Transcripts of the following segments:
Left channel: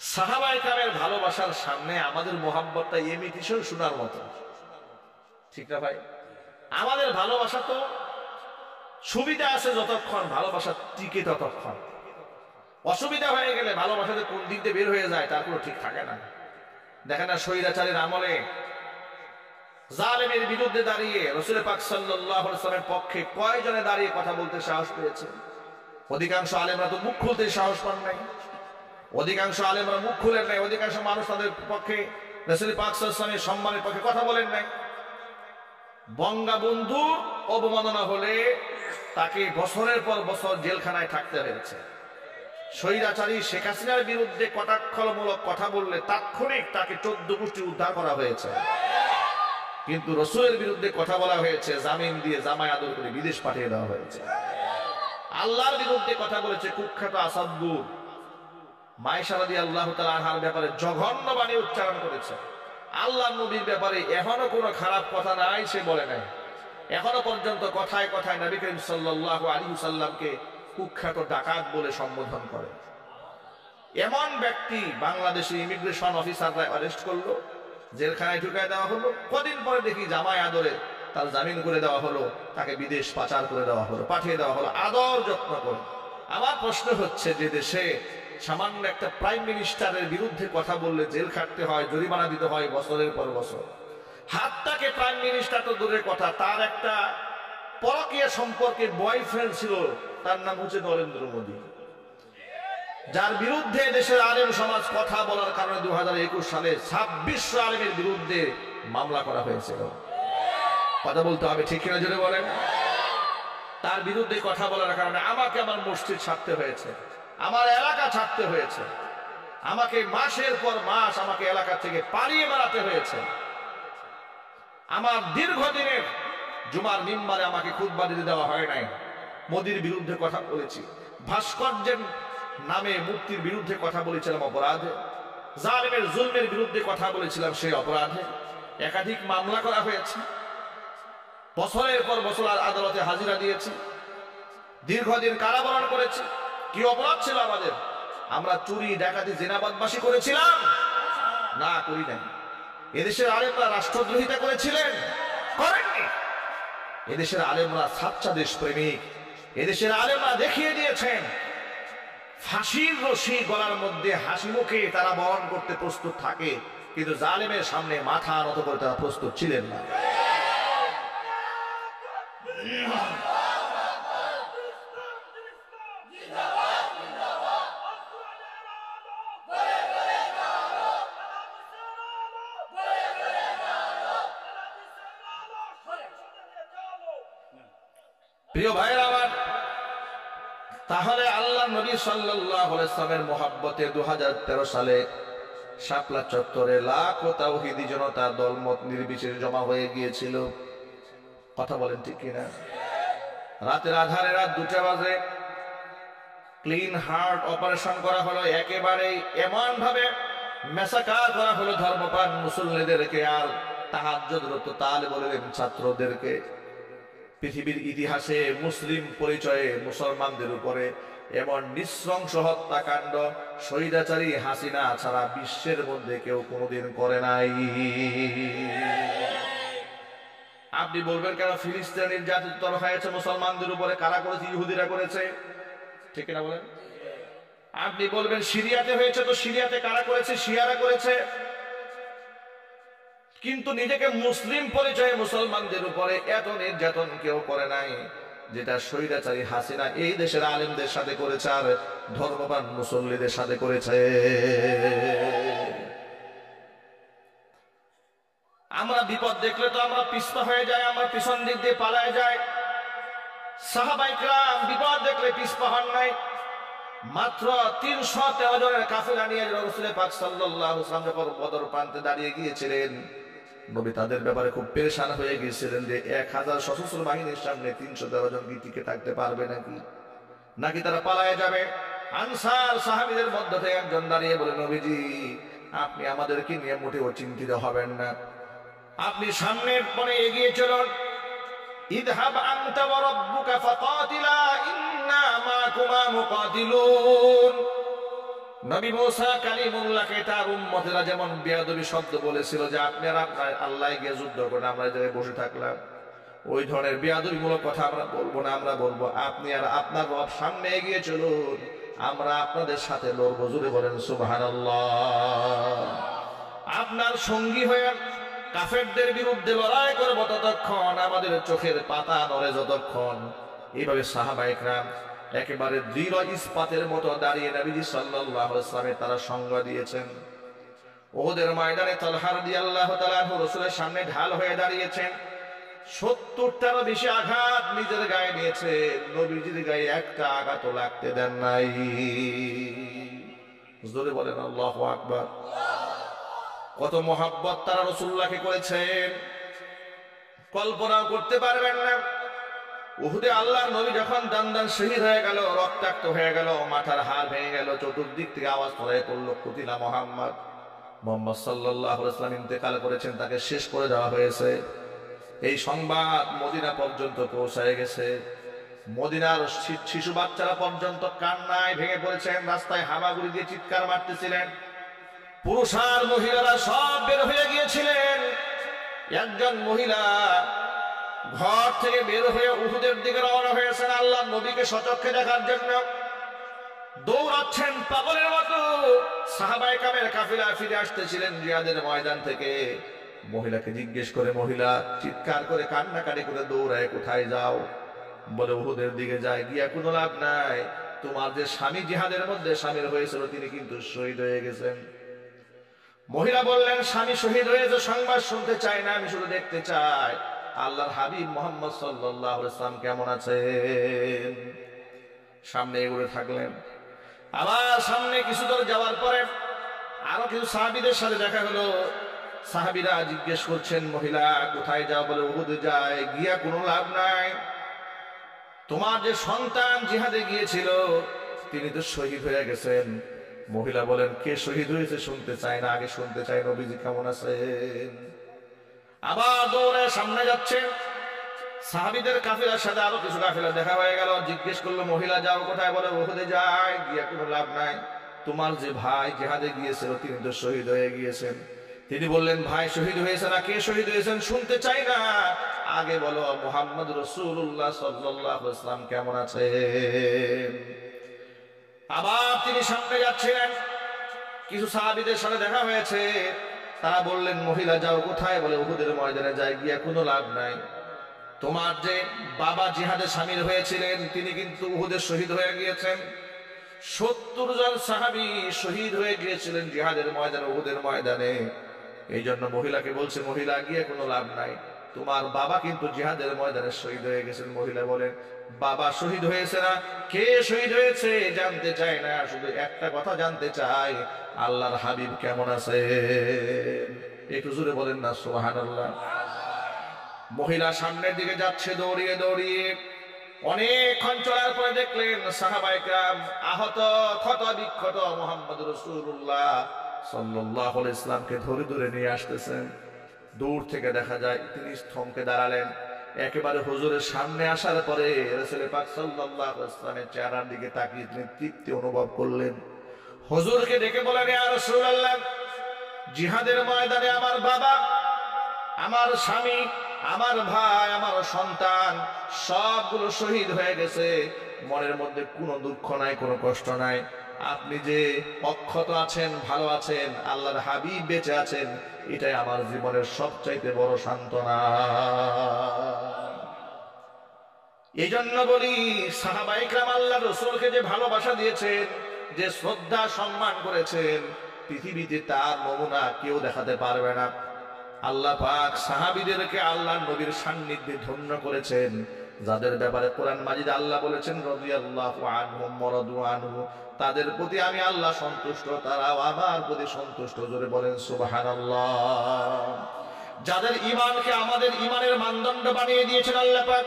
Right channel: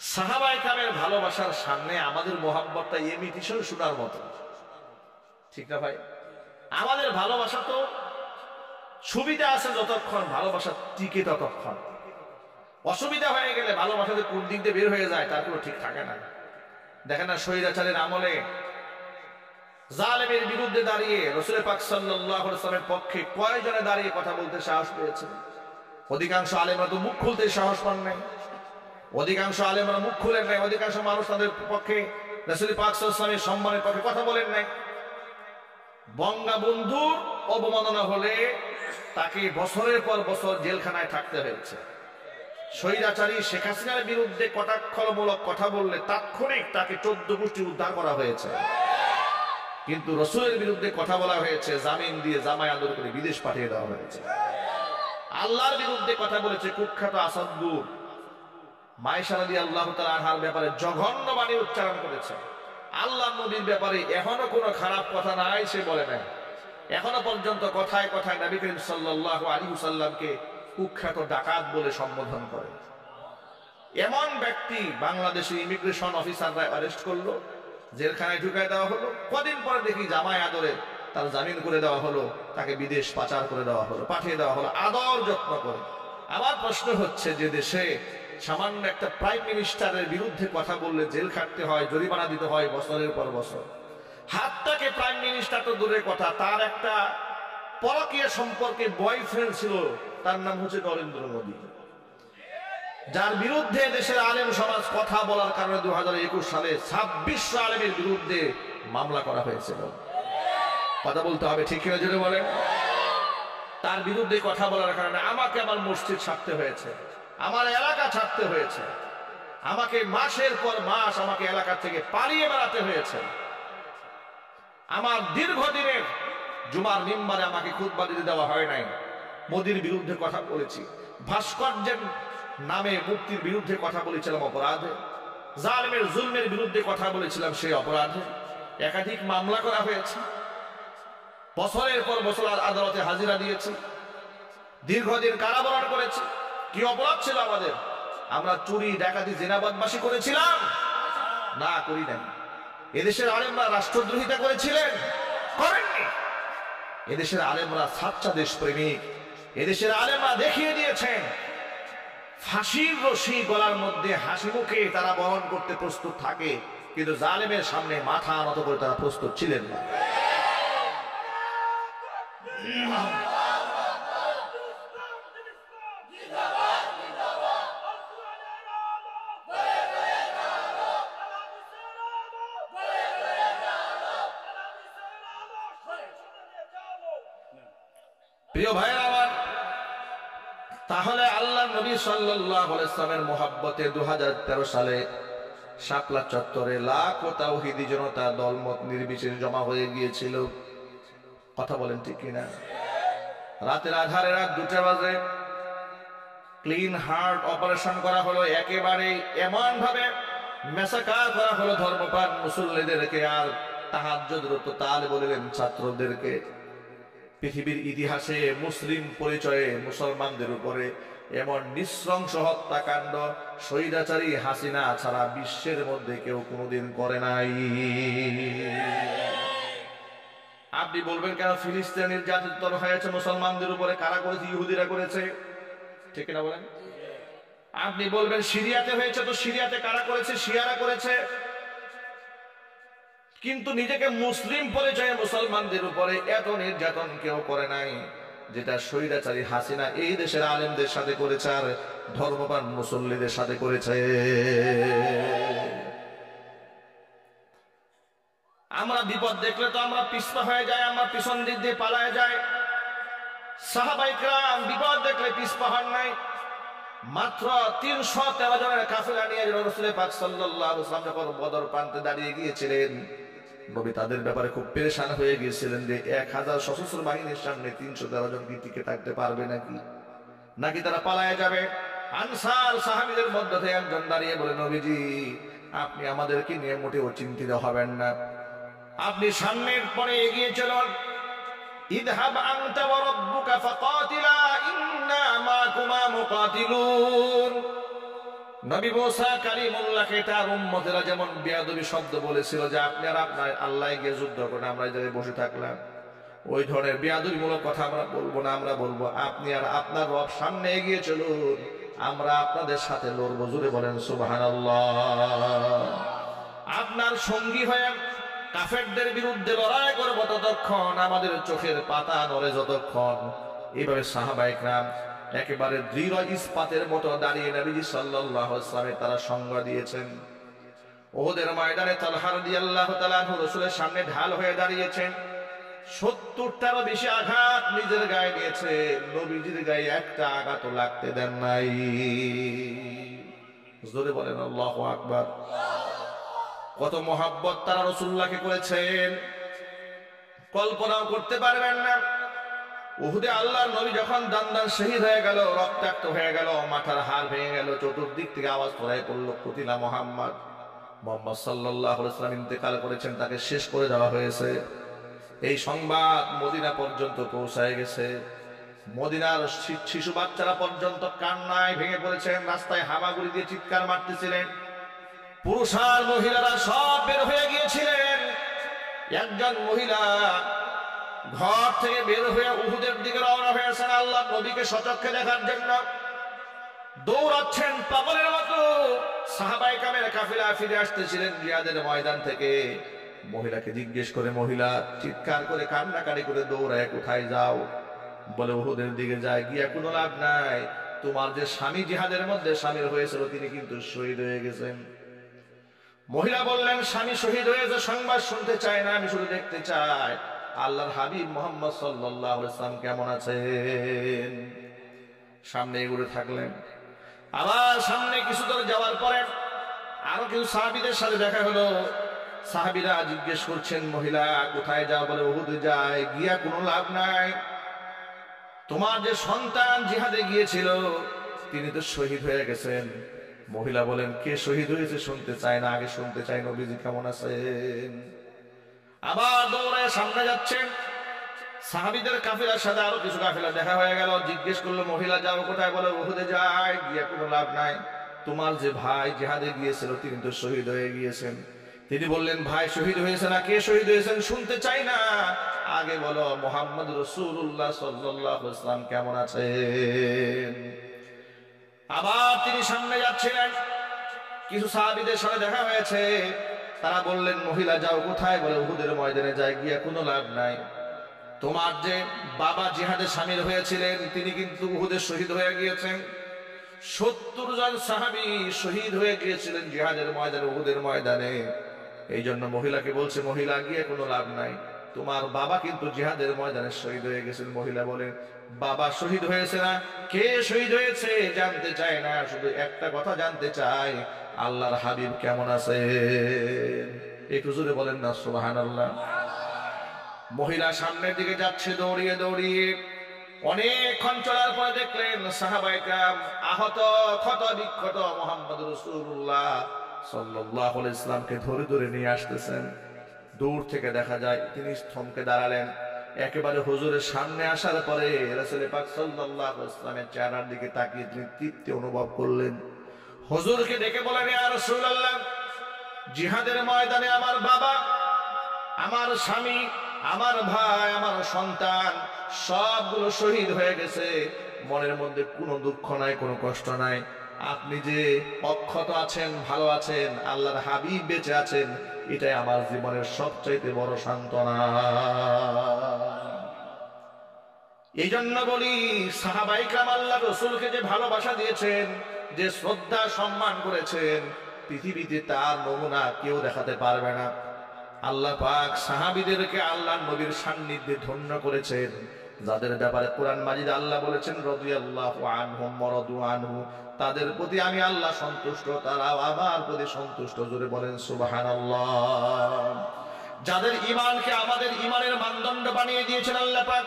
সাহাবায়ে কেরামের ভালোবাসার সামনে আমাদের মোহাব্বতটা ইমিটেশন শোনার মতো, ঠিক না ভাই? আমাদের ভালোবাসা তো সুবিধা আছে যতক্ষণ, ভালোবাসা টিকে ততক্ষণ। অসুবিধা হয়ে গেলে ভালোবাসাতে কোন দিক দিয়ে বের হয়ে যায় তার কোনো ঠিক থাকে না। দেখেন না, স্বৈরাচারের আমলে জালেমের বিরুদ্ধে দাঁড়িয়ে রাসূল পাক সাল্লাল্লাহু আলাইহি ওয়াসাল্লামের পক্ষে কয়জনে দাঁড়িয়ে কথা বলতে সাহস পেয়েছে? অধিকাংশ আলেমরা তো মুখ খুলতে সাহস পান নাই, অধিকাংশ আলেমরা মুখ খুলেন নাই, অধিকাংশ মানুষ তাদের পক্ষে রাসূল পাক সাল্লাল্লাহু আলাইহি ওয়াসাল্লামের সম্মানের পক্ষে কথা বলেন নাই। বঙ্গবন্ধুর অবমাননা হলে তাকে বছরের পর বছর জেলখানায় থাকতে হয়েছে। স্বৈরাচারী শেখ হাসিনার বিরুদ্ধে কটাক্ষমূলক কথা বললে তাৎক্ষণিক তাকে 14 গোষ্ঠী উদ্ধার করা হয়েছে, কিন্তু রসুলের বিরুদ্ধে কথা বলা হয়েছে, জামিন দিয়ে জামাই আদর করে বিদেশ পাঠিয়ে দেওয়া হয়েছে। আল্লাহর বিরুদ্ধে কথা বলেছে কুখ্যাত আসাদুর মায়েশা রাদিয়াল্লাহু তাআলা আনহার ব্যাপারে জঘন্য বাণী উচ্চারণ করেছে। আল্লাহর নবীর ব্যাপারে এখনো কোনো খারাপ কথা নাই, সে বলে নাই। এখনো পর্যন্ত কথায় কথায় নবী করিম সাল্লাল্লাহু আলাইহি ওয়াসাল্লামকে কুখ্যাত ডাকাত বলে সম্বোধন করে। এমন ব্যক্তি বাংলাদেশি ইমিগ্রেশন অফিসাররা অ্যারেস্ট করলো, জেলখানায় ঢুকায় দেওয়া হলো। কদিন পরে দেখি জামাই আদরে তার জামিন করে দেওয়া হলো, তাকে বিদেশ পাচার করে দেওয়া হলো, পাঠিয়ে দেওয়া হলো আদর যত্ন করে। আমার প্রশ্ন হচ্ছে, যে দেশে সামান্য একটা প্রাইম মিনিস্টারের বিরুদ্ধে কথা বললে জেল খাটতে হয়, জরিমানা দিতে হয় বছরের পর বছর, হাতটাকে প্রাইম মিনিস্টার তো দূরের কথা, তার একটা পরকীয়া সম্পর্কে বয়ফ্রেন্ড ছিল, তার নাম হচ্ছে নরেন্দ্র মোদী, যার বিরুদ্ধে দেশের আলেম সমাজ কথা বলার কারণে 2021 সালে 2600 আলেমের বিরুদ্ধে মামলা করা হয়েছিল। কথা বলতে হবে, ঠিক কিনা জোরে বলেন? তার বিরুদ্ধে কথা বলার কারণে আমাকে আমার মসজিদ ছাড়তে হয়েছে, আমার এলাকা ছাড়তে হয়েছে, আমাকে মাসের পর মাস আমাকে এলাকা থেকে পালিয়ে বেড়াতে হয়েছে। আমার দীর্ঘদিনের জুমার মিম্বারে আমাকে খুতবা দিতে দেওয়া হয় নাই। মোদির বিরুদ্ধে কথা বলেছি, ভাস্কর্যের নামে মুক্তির বিরুদ্ধে কথা বলেছিলাম অপরাধে, জালেমের জুলমের বিরুদ্ধে কথা বলেছিলাম সেই অপরাধে। একাধিক মামলা করা হয়েছে, বছরের পর বছর আদালতে হাজিরা দিয়েছি, দীর্ঘদিন কারাবরণ করেছি। কি অপরাধ ছিল আমাদের? আমরা চুরি ডাকাতি জিনা বদমাশি করেছিলাম? না, করি নাই। এদেশের আলেমরা রাষ্ট্রদ্রোহিতা করেছিলেন? করেননি। এদেশের আলেমরা সাচ্চা দেশপ্রেমিক। এদেশের আলেমরা দেখিয়ে দিয়েছেন ফাঁসির রশি গলার মধ্যে হাসি মুখে তারা বরণ করতে প্রস্তুত থাকে, কিন্তু জালেমের সামনে মাথা নত করে তারা প্রস্তুত ছিলেন না। প্রিয় ভাইয়েরা আমার, তাহলে আল্লাহ নবী সাল্লাল্লাহু আলাইহি ওয়াসাল্লামের মোহাব্বতে 2013 সালে শাপলা চত্বরে লাখো তাওহীদি জনতা দলমত নির্বিশেষে জমা হয়ে গিয়েছিল। কথা বলেন ঠিক কিনা? রাতের আধারে রাত 2টা বাজে ক্লিন হার্ট অপারেশন করা হলো, একেবারে এমন ভাবে মেসাকার করা হলো ধর্মপ্রাণ মুসল্লিদেরকে আর তাহাজ্জুদরত তালিবুল ইলম ছাত্রদেরকে। পৃথিবীর ইতিহাসে মুসলিম পরিচয়ে মুসলমানদের উপরে এমন নৃশংস হত্যাকাণ্ড স্বৈরাচারী হাসিনা ছাড়া বিশ্বের মধ্যে কেউ কোনোদিন করে নাই। আপনি বলবেন কেন ফিলিস্তিনে নির্যাতন হয়েছে মুসলমানদের উপরে? কারা করেছে? ইহুদিরা করেছে, ঠিক না বলেন? আপনি বলবেন সিরিয়াতে হয়েছে, তো সিরিয়াতে কারা করেছে? শিয়ারা করেছে। কিন্তু নিজেকে মুসলিম পরিচয়ে মুসলমানদের উপরে এত নির্যাতন কেউ করে নাই যেটা স্বৈরাচারী হাসিনা এই দেশের আলেমদের সাথে করেছে আর ধর্মপ্রাণ মুসল্লিদের সাথে করেছে। আমরা বিপদ দেখলে তো আমরা পিছপা হয়ে যাই, আমরা পিছন দিক দিয়ে পালায় যাই। সাহাবায়ে কেরাম বিপদ দেখলে পিছপা হন নাই। মাত্র 313 জনের কাফেলা নিয়ে রাসূল পাক সাল্লাল্লাহু আলাইহি ওয়াসাল্লাম যখন বদর প্রান্তে দাঁড়িয়ে গিয়েছিলেন, নবী তাদের ব্যাপারে খুব পেরেশান হয়ে গিয়েছিলেন যে 1000 সশস্ত্র বাহিনীর সামনে 313 জন কি টিকে থাকতে পারবে নাকি তারা পালায়ে যাবে। আনসার সাহাবীদের মধ্য থেকে একজন দাঁড়িয়ে বলে, নবীজি আপনি আমাদেরকে নিয়ে মোটেও চিন্তিত হবেন না, আপনি সামনের পথে এগিয়ে চলুন। ইযহাব আনতা ওয়া রাব্বুকা ফাকাতিলা ইন্না মাকুমা মুকাতিলুন। নবী মুসা কালিমুল্লাহকে তার উম্মতেরা যেমন বেয়াদবি শব্দ বলেছিল যে আপনি আর আপনার আল্লাহ গিয়ে যুদ্ধ করেন, আমরা এই জায়গায় বসে থাকলাম, ওই ধরনের বেয়াদবিমূলক কথা আমরা বলবো না। আমরা বলবো আপনি আর আপনার রব সামনে এগিয়ে চলুন, আমরা আপনাদের সাথে লড়বো। জোরে বলেন সুবহানাল্লাহ। আপনার সঙ্গী হয়ে কাফেরদের বিরুদ্ধে লড়াই করবো ততক্ষণ, আমাদের চোখের পাতা নড়ে যতক্ষণ। এইভাবে সাহাবায়ে কেরাম একেবারে দৃঢ় ইস্পাতের মতো দাঁড়িয়ে নবীজি সাল্লাল্লাহু আলাইহি ওয়াসাল্লামের তারা সঙ্গ দিয়েছেন। উহুদের ময়দানে তালহা রাদিয়াল্লাহু তাআলা আনহু রাসূলের সামনে ঢাল হয়ে দাঁড়িয়েছেন। 70টারও বেশি আঘাত নিজের গায়ে নিয়েছে, নবীজির গায়ে একটা আঘাতও লাগতে দেন নাই। জোরে বলেন আল্লাহু আকবার। কত মহাব্বত তারা রাসূলুল্লাহকে করেছেন কল্পনাও করতে পারবেন না। উহুদে আল্লাহর নবী যখন দান দান শহীদ হয়ে গেল, রক্তাক্ত হয়ে গেল, মাথার হাড় ভেঙে গেল, চতুর্দিক থেকে আওয়াজ ছড়াই পড়লো কুতিলা মুহাম্মদ, মুহাম্মদ সাল্লাল্লাহু আলাইহি ওয়াসাল্লাম ইন্তেকাল করেছেন, তাকে শেষ করে দেওয়া হয়েছে। এই সংবাদ মদিনা পর্যন্ত পৌঁছায় গেছে। মদিনার শিশু বাচ্চারা পর্যন্ত কান্নায় ভেঙে পড়েছেন, রাস্তায় হামাগুড়ি দিয়ে চিৎকার মারতেছিলেন। পুরুষ আর মহিলারা সব বের হয়ে গিয়েছিলেন। একজন মহিলা ঘর থেকে বের হয়ে উহুদের দিকে রওনা হয়েছেন আল্লাহর নবীকে সচক্ষে দেখার জন্য। দৌড়াচ্ছেন পাগলের মতো। সাহাবায়ে কেরামের কাফিলা ফিরে আসতেছিলেন জিহাদের ময়দান থেকে। মহিলাকে জিজ্ঞেস করে, মহিলা চিৎকার করে কান্নাকাটি করে দৌড়ায়, কোথায় যাও? বলে উহুদের দিকে যায়। গিয়া কোনো লাভ নাই, তোমার যে স্বামী জিহাদের মধ্যে শামিল হয়েছিল তিনি কিন্তু শহীদ হয়ে গেছেন। মহিলা বললেন, স্বামী শহীদ হয়েছে সংবাদ শুনতে চাই না, আমি শুধু দেখতে চাই আল্লাহর হাবিব মুহাম্মদ সাল্লাল্লাহু আলাইহি ওয়াসাল্লাম কেমন আছেন। সামনে এগোতে থাকলেন। আবার সামনে কিছু দূর যাওয়ার পরে আরো কিছু সাহাবীদের সাথে দেখা হলো। সাহাবীরা জিজ্ঞেস করছেন, মহিলা কোথায় যাও? বলে উহুদে যায়। গিয়া কোনো লাভ নাই, তোমার যে সন্তান জিহাদে গিয়েছিল তিনি তো শহীদ হয়ে গেছেন। মহিলা বলেন, কে শহীদ হয়েছে শুনতে চায় না, আগে শুনতে চাই নবীজি কেমন আছেন। আবার দৌড়ে সামনে যাচ্ছেন। সাহাবীদের কাফিলার সাথে আরো কিছু কাফিলা দেখা হয়ে গেল। জিজ্ঞেস করলো, মহিলা যাও কোথায়? বলে উহুদে যায়। গিয়ে কোনো লাভ নাই, তোমার যে ভাই জিহাদে গিয়েছিল তিনি তো শহীদ হয়ে গিয়েছেন। তিনি বললেন, ভাই শহীদ হয়েছে না, কে শহীদ হয়েছেন শুনতে চাই না, আগে বলো মুহাম্মদ রাসূলুল্লাহ সাল্লাল্লাহু আলাইহি ওয়াসাল্লাম কেমন আছেন। আবার তিনি সামনে যাচ্ছিলেন। কিছু সাহাবীদের সাথে দেখা হয়েছে। তারা বললেন, মহিলা যাও কোথায়? বলে উহুদের ময়দানে যায়। গিয়া কোনো লাভ নাই, তোমার যে বাবা জিহাদে শামিল হয়েছিলেন তিনি কিন্তু উহুদে শহীদ হয়ে গিয়েছেন। 70 জন সাহাবী শহীদ হয়ে গিয়েছিলেন জিহাদের ময়দানে, উহুদের ময়দানে। এই জন্য মহিলাকে বলছে, মহিলা গিয়ে কোনো লাভ নাই, তোমার বাবা কিন্তু জিহাদের ময়দানে শহীদ হয়ে গেছেন। মহিলা বলেন, বাবা শহীদ হয়েছে না, কে শহীদ হয়েছে জানতে চায় না, শুধু একটা কথা জানতে চাই, আল্লাহর হাবিব কেমন আছে। একটু জোরে বলেন না সুবহানাল্লাহ। মহিলা সামনের দিকে যাচ্ছে দৌড়িয়ে দৌড়িয়ে। অনেকক্ষণ চলার পরে দেখলেন সাহাবায়ে কেরাম আহত ক্ষত বিক্ষত মুহাম্মদ রাসূলুল্লাহ সাল্লাল্লাহু আলাইহি ওয়াসাল্লামকে ধরে ধরে নিয়ে আসতেছেন। দূর থেকে দেখা যায় তিনি থমকে দাঁড়ালেন। একেবারে হুজুরের সামনে আসার পরে রাসূল পাক সাল্লাল্লাহু আলাইহি ওয়াসাল্লামের চেহারার দিকে তাকিয়ে তিনি তৃপ্তি অনুভব করলেন। হুজুরকে ডেকে বলেন, ইয়া রাসূলুল্লাহ, জিহাদের ময়দানে আমার বাবা, আমার স্বামী, আমার ভাই, আমার সন্তান সবগুলো শহীদ হয়ে গেছে। মনের মধ্যে কোনো দুঃখ নাই, কোনো কষ্ট নাই। আপনি যে অক্ষত আছেন, ভালো আছেন, আল্লাহর হাবিব বেঁচে আছেন, এটাই আমার জীবনের সবচাইতে বড় সান্ত্বনা। এই জন্য বলি, সাহাবায়ে কেরাম আল্লাহর রাসূলকে যে ভালোবাসা দিয়েছেন, যে শ্রদ্ধা সম্মান করেছেন, পৃথিবীতে তার নমুনা কেউ দেখাতে পারবে না। আল্লাহ পাক সাহাবীদেরকে আল্লাহর নবীর সান্নিধ্যে ধন্য করেছেন, যাদের ব্যাপারে কোরআন মাজিদ আল্লাহ বলেছেন, রাদিয়াল্লাহু আনহুম ওয়া রাদু আনহু, তাদের প্রতি আমি আল্লাহ সন্তুষ্ট, তারাও আমার প্রতি সন্তুষ্ট। জোরে বলেন সুবহানাল্লাহ। যাদের ঈমানকে আমাদের ঈমানের মানদণ্ড বানিয়ে দিয়েছেন আল্লাহ পাক।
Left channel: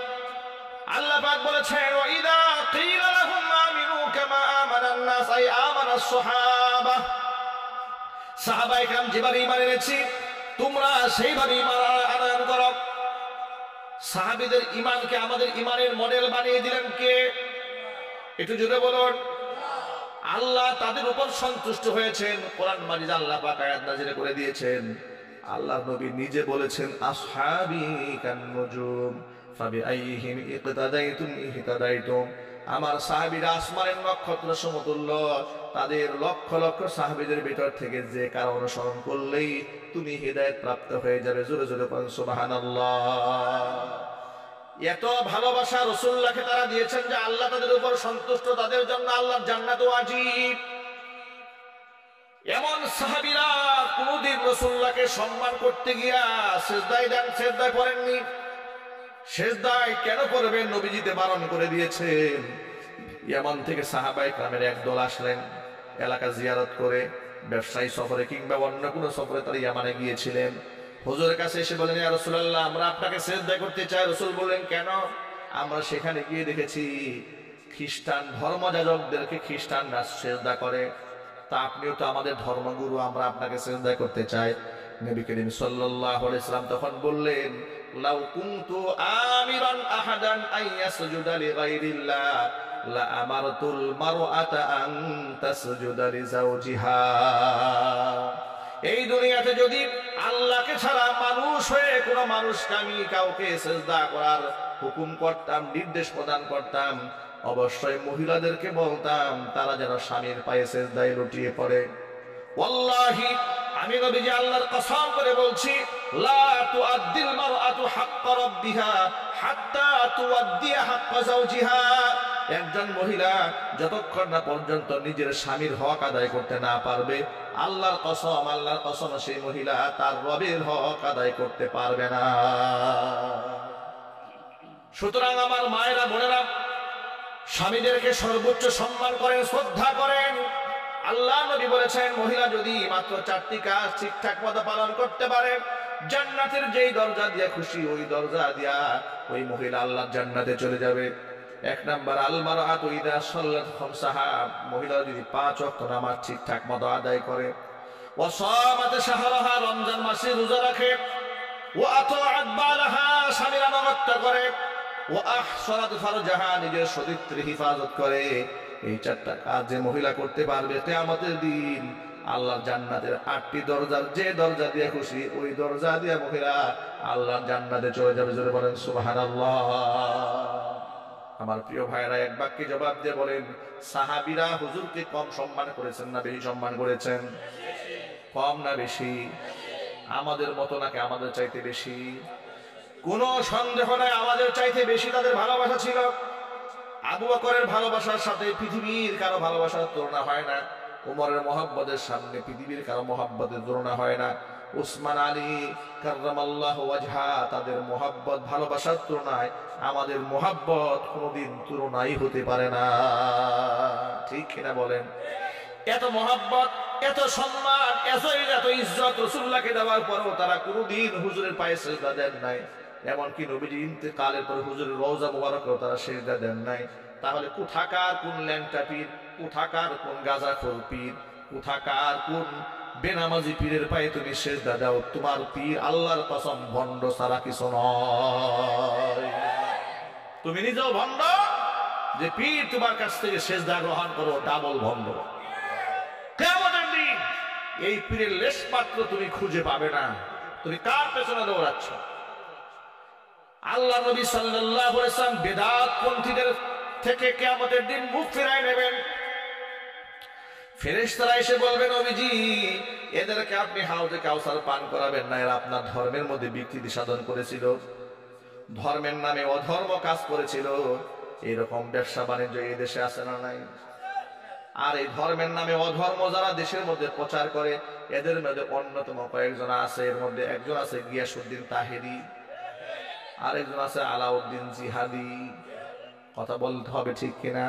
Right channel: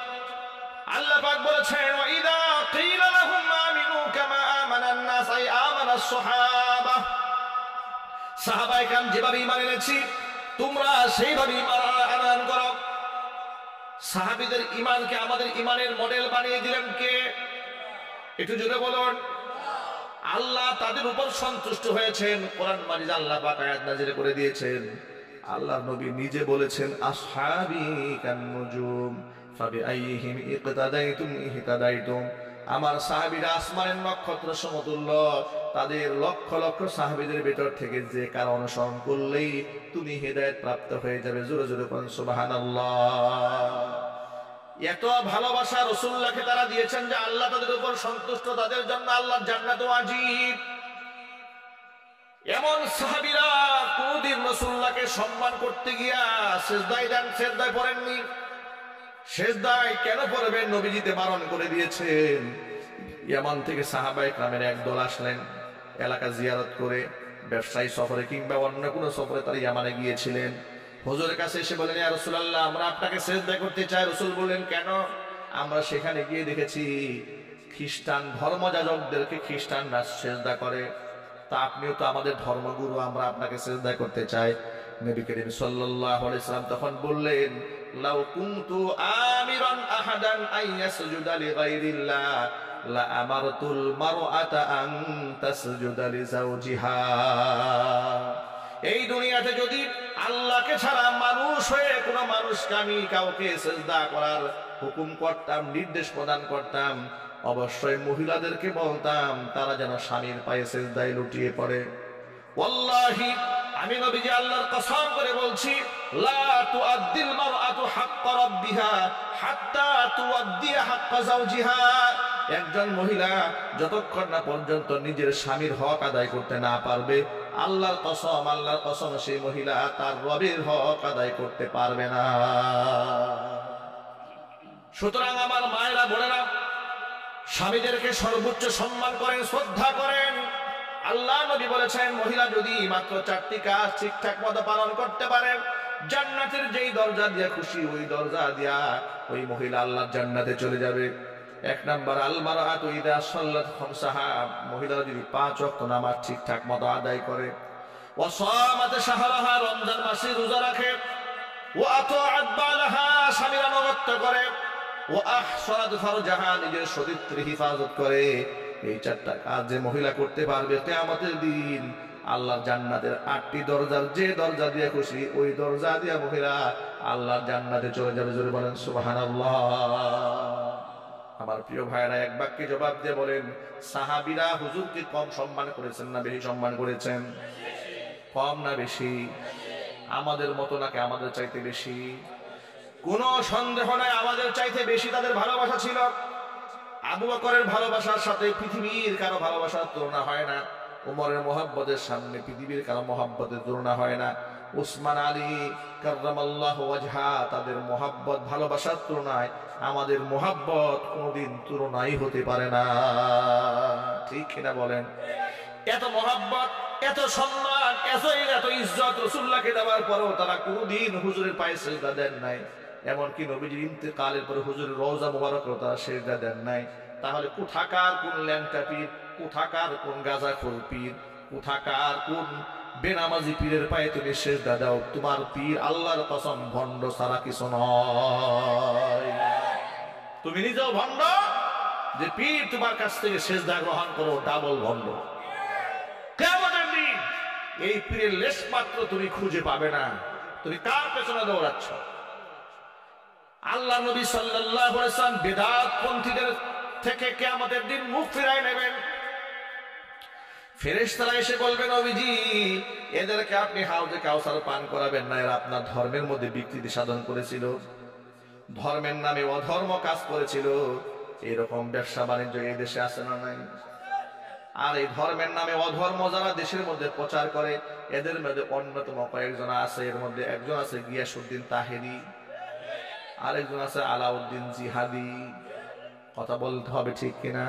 আল্লাহ পাক বলেছেন, ওয়া ইযা ক্বিলা লাহুম আমিনু কামা আমানান নাস, আই আমানাস সাহাবা, সাহাবায়ে কেরাম যেভাবে ঈমান এনেছি তোমরা সেইভাবে ঈমান আনয়ন করো। সাহাবীদের ঈমানকে আমাদের ঈমানের মডেল বানিয়ে দিলেন কে? একটু জোরে বলুন। আল্লাহ তাদের উপর সন্তুষ্ট হয়েছেন। কোরআন মাজিদ আল্লাহ পাক আয়াত নাযিল করে দিয়েছেন। আল্লাহর নবী নিজে বলেছেন, আসহাবি কান্নুজুম ফাবিআইহিম ইকতাদাইতুম ইহতাদাইতুম। আমার সাহাবীরা আসমানের নক্ষত্র সমতুল্য। তাদের লক্ষ লক্ষ সাহাবীদের ভিতর থেকে যে কারো অনুসরণ করলেই তুমি হিদায়াত প্রাপ্ত হয়ে যাবে। জোরে জোরে বলেন সুবহানাল্লাহ। এত ভালোবাসা রাসূলুল্লাহকে তারা দিয়েছেন যে আল্লাহ তাদের উপর সন্তুষ্ট, তাদের জন্য আল্লাহর জান্নাত ওয়াজিব। এমন সাহাবীরা কোনদিন রাসূলুল্লাহকে সম্মান করতে গিয়া সিজদায় পড়েননি। সিজদায় কেন পড়বেন? নবীজিতে বারণ করে দিয়েছেন। ইয়ামান থেকে সাহাবায়ে কেরামের একদল আসলেন এলাকা জিয়ারত করে, ব্যবসায়ী সফরে কিংবা অন্য কোনো সফরে তারা ইয়ামানে গিয়েছিলেন। হুজুরের কাছে এসে বলেন, ইয়া রাসূলুল্লাহ, আমরা আপনাকে সিজদা করতে চাই। রাসূল বললেন, কেন? আমরা সেখানে গিয়ে দেখেছি খ্রিস্টান ধর্মযাজকদেরকে খ্রিস্টানরা সিজদা করে, তা আপনিও তো আমাদের ধর্মগুরু, আমরা আপনাকে সিজদা করতে চাই। নবী করিম সাল্লাল্লাহু আলাইহি সাল্লাম তখন বললেন, লাউ কুনতু আমিরান আহাদান আইয়াসজুদা লিগাইরিল্লাহ লা আমারতুল মারআতা আন তাসজুদা লিজাওজিহা। এই দুনিয়াতে যদি আল্লাহকে ছাড়া মানুষ হয়ে কোনো মানুষকে আমি কাউকে সিজদা করার হুকুম করতাম, নির্দেশ প্রদান করতাম, অবশ্যই মহিলাদেরকে বলতাম তারা যেন স্বামীর পায়ে সিজদায় লুটিয়ে পড়ে। ওয়াল্লাহি, আমি নবীজি আল্লাহর কসম করে বলছি, লা তুআদ্দিল মারআতু হাক্কা রাব্বিহা হাত্তা তুআদ্দিয়া হাক্কা যাওজিহা। একজন মহিলা যতক্ষণ না পর্যন্ত নিজের স্বামীর হক আদায় করতে না পারবে, আল্লাহর কসম সেই মহিলা তার রবের হক আদায় করতে পারবে না। সুতরাং আমার মায়েরা, বোনেরা, স্বামীদেরকে সর্বোচ্চ সম্মান করেন, শ্রদ্ধা করেন। আল্লাহ নবী বলেছেন, মহিলা যদি মাত্র 4টি কাজ ঠিকঠাক মতো পালন করতে পারে, জান্নাতের যেই দরজা দিয়া খুশি ওই দরজা দিয়া ওই মহিলা আল্লাহর জান্নাতে চলে যাবে। 1 নাম্বার, আল মারআতু ইযা সাল্লাত খামসাহা, মহিলা যদি 5 ওয়াক্ত নামাজ ঠিকঠাক মতো আদায় করে, ওয়া সামাত শাহরাহা, রমজান মাসে রোজা রাখে, ওয়া আতাআত বালাহা, স্বামীর আনুগত্য করে, ওয়া আহসানাত ফারজাহা, নিজের সতীত্বের হিফাজত করে। এই 4টা কাজ যে মহিলা করতে পারবে, কিয়ামতের দিন আল্লাহর জান্নাতের 8টি দরজার যে দরজা দিয়ে খুশি ওই দরজা দিয়ে মহিলা আল্লাহর জান্নাতে চলে যাবে। জোরে বলেন সুবহানাল্লাহ। আমার প্রিয় ভাইরা, এক বাক্যে জবাব দিয়ে বলেন, সাহাবীরা হুজুরকে কম সম্মান করেছেন না বেশি সম্মান করেছেন? কম না বেশি? আমাদের মতো নাকি আমাদের চাইতে বেশি? কোনো সন্দেহ নাই, আমাদের চাইতে বেশি তাদের ভালোবাসা ছিল। আবু বকরের ভালোবাসার সাথে পৃথিবীর কারো ভালোবাসার তুলনা হয় না। উমরের মহব্বতের সামনে পৃথিবীর কারো মহব্বতের তুলনা হয় না। উসমান আলী কাররামাল্লাহু ওয়াজহা, তাদের মহব্বত ভালোবাসার তুলনায় আমাদের মহব্বত কোনোদিন তুলনাই হতে পারে না। ঠিক কিনা বলেন? এত মহব্বত, এত সম্মান, এত ইজ্জত রাসূলুল্লাহকে দেওয়ার পরেও তারা কোনোদিন হুজুরের পায়ে সিজদা দেন নাই। এমনকি নবীজি ইন্তেকালের পরে হুজুরের রওজা মুবারকেও তারা সিজদা দেন নাই। তাহলে কোথাকার কোন ল্যাংটা পীর, কোথাকার কোন গাঁজাখোর পীর, কোথাকার কোন বেনামাজি পীরের পায়ে তুমি সিজদা দাও? তোমার পীর আল্লাহর কসম ভণ্ড ছাড়া কিছু নয়। তুমি নিজেও ভণ্ড, যে পীর তোমার কাছ থেকে সিজদা গ্রহণ করো ডাবল ভণ্ড। কিয়ামতের দিন এই পীরের লেশ মাত্র তুমি খুঁজে পাবে না। তুমি কার পেছনে দৌড়াচ্ছ? আল্লাহর নবী সাল্লাল্লাহু আলাইহি ওয়াসাল্লাম বেদাত পন্থীদের থেকে কিয়ামতের দিন মুখ ফিরায় নেবেন। ফেরেশতারা এসে বলবেন, নবীজি, এদেরকে আপনি হাউজে কাউসার পান করাবেন না, এরা আপনার ধর্মের মধ্যে বিকৃতি সাধন করেছিল, ধর্মের নামে অধর্ম কাজ করেছিল। এরকম ব্যবসা বাণিজ্য এই দেশে আছে না নাই? আর এই ধর্মের নামে অধর্ম যারা দেশের মধ্যে প্রচার করে, এদের মধ্যে অন্যতম কয়েকজন আছে। এর মধ্যে একজন আছে গিয়াসউদ্দিন তাহেরি, আরেকজন আছে আলাউদ্দিন জিহাদি। কথা বলতে হবে, ঠিক কিনা?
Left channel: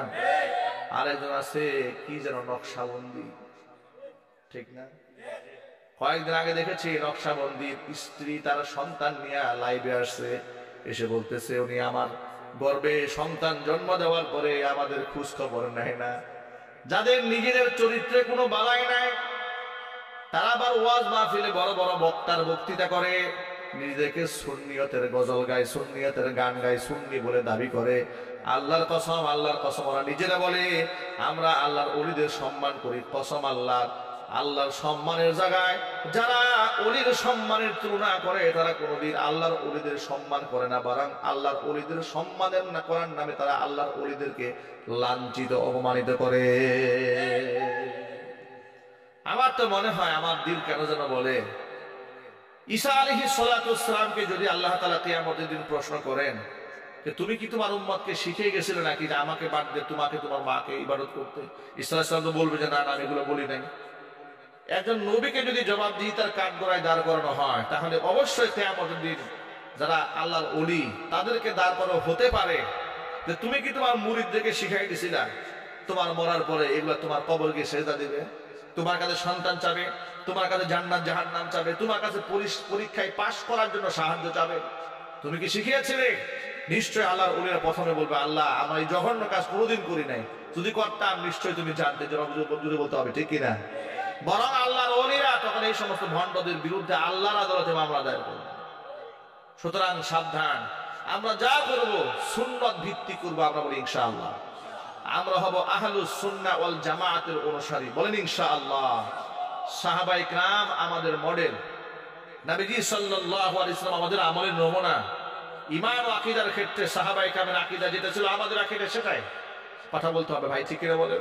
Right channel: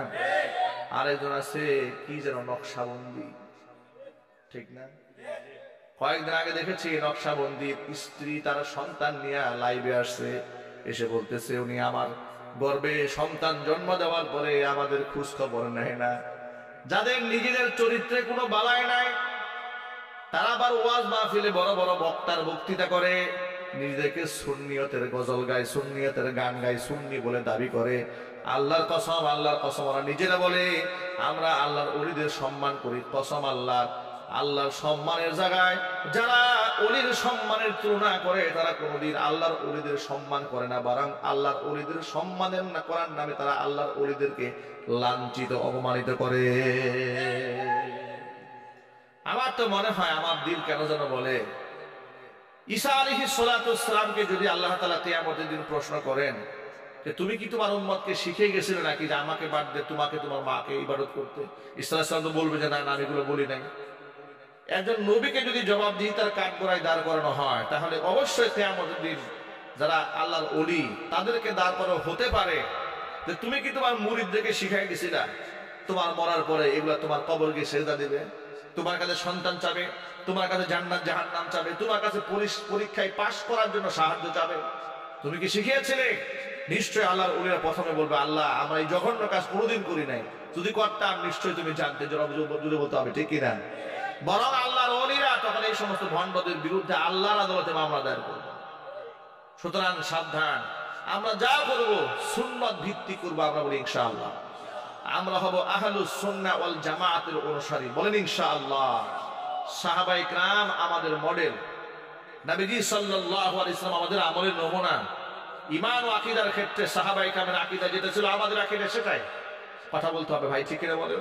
আরেকজন আছে কি যেন নকশাবন্দি, ঠিক না? কয়েকদিন আগে দেখেছি নকশাবন্দির স্ত্রী তার সন্তান নিয়ে লাইভে আসছে, এসে বলতেছে উনি আমার গর্ভে সন্তান জন্ম দেওয়ার পরে আমাদের খোঁজ খবর নেয় না। যাদের নিজেদের চরিত্রে কোনো বালাই নাই, তারা আবার ওয়াজ মাহফিলে বড় বড় বক্তার বক্তৃতা করে, নিজেদেরকে সুন্নিয়তের গজল গায়, সুন্নিয়তের গান গায়, সুন্নি বলে দাবি করে। আল্লাহর কসম ওরা নিজেরা বলে আমরা আল্লাহর ওলিদের সম্মান করি। কসম আল্লাহর সম্মানের জায়গায় যারা ওলির সম্মানের তুলনা করে তারা কোনোদিন আল্লাহর ওলিদের সম্মান করে না, বরং আল্লাহর ওলিদের সম্মানের না করার নামে তারা আল্লাহর ওলিদেরকে লাঞ্ছিত অপমানিত করে। আমার তো মনে হয়, আমার দিল কেন যেন বলে, ঈসা আলাইহিস সালাতু ওয়াস সালামকে যদি আল্লাহ তাআলা কিয়ামতের দিন প্রশ্ন করেন যে তুমি কি তোমার উম্মতকে শিখিয়ে গেছিলে নাকি যে আমাকে বাদ দিয়ে তোমাকে তোমার মাকে ইবাদত করতে? ঈসা আলাইহিস সালাম তো বলবে যে না না, আমি এগুলো বলি নাই। একজন নবীকে যদি জবাব দিয়ে তার কাঠগড়ায় দাঁড় করানো হয়, তাহলে অবশ্যই কিয়ামতের দিন যারা আল্লাহর ওলি তাদেরকে দাঁড় করানো হতে পারে যে তুমি কি তোমার মুরিদদেরকে শিখাই দিছিলা তোমার মরার পরে এগুলা তোমার কবর গিয়ে সেজদা দিবে, তোমার কাছে সন্তান চাবে, তোমার কাছে জান্নাত জাহান্নাম চাবে, তোমার কাছে পরীক্ষায় পাশ করার জন্য সাহায্য চাবে, তুমি কি শিখিয়েছিলে? নিশ্চয় আল্লাহর ওলিরা প্রথমে বলবে আল্লাহ আমরা এই জঘন্য কাজ কোনোদিন করি নাই, যদি করতাম নিশ্চয়ই তুমি জানতে, যদি বলতে হবে, ঠিক কিনা? বরং আল্লাহর ওলিরা তখন এই সমস্ত ভণ্ডদের বিরুদ্ধে আল্লাহর আদালতে মামলা দায়ের করবে। সুতরাং সাবধান, আমরা যা করব সুন্নত ভিত্তিক করবো। আমরা বলি ইনশাআল্লাহ আমরা হব আহলুস সুন্নাহ ওয়াল জামাআতের অনুসারী, বলেন ইনশাআল্লাহ। সাহাবায়ে কেরাম আমাদের মডেল, নবীজি সাল্লাল্লাহু আলাইহি ওয়াসাল্লাম আমাদের আমলের নমুনা। ঈমান ও আকীদার ক্ষেত্রে সাহাবায়ে কেরামের আকীদা যেটা ছিল আমাদের আকীদা সেটাই। কথা বলতে হবে ভাই, ঠিক কিনা বলেন?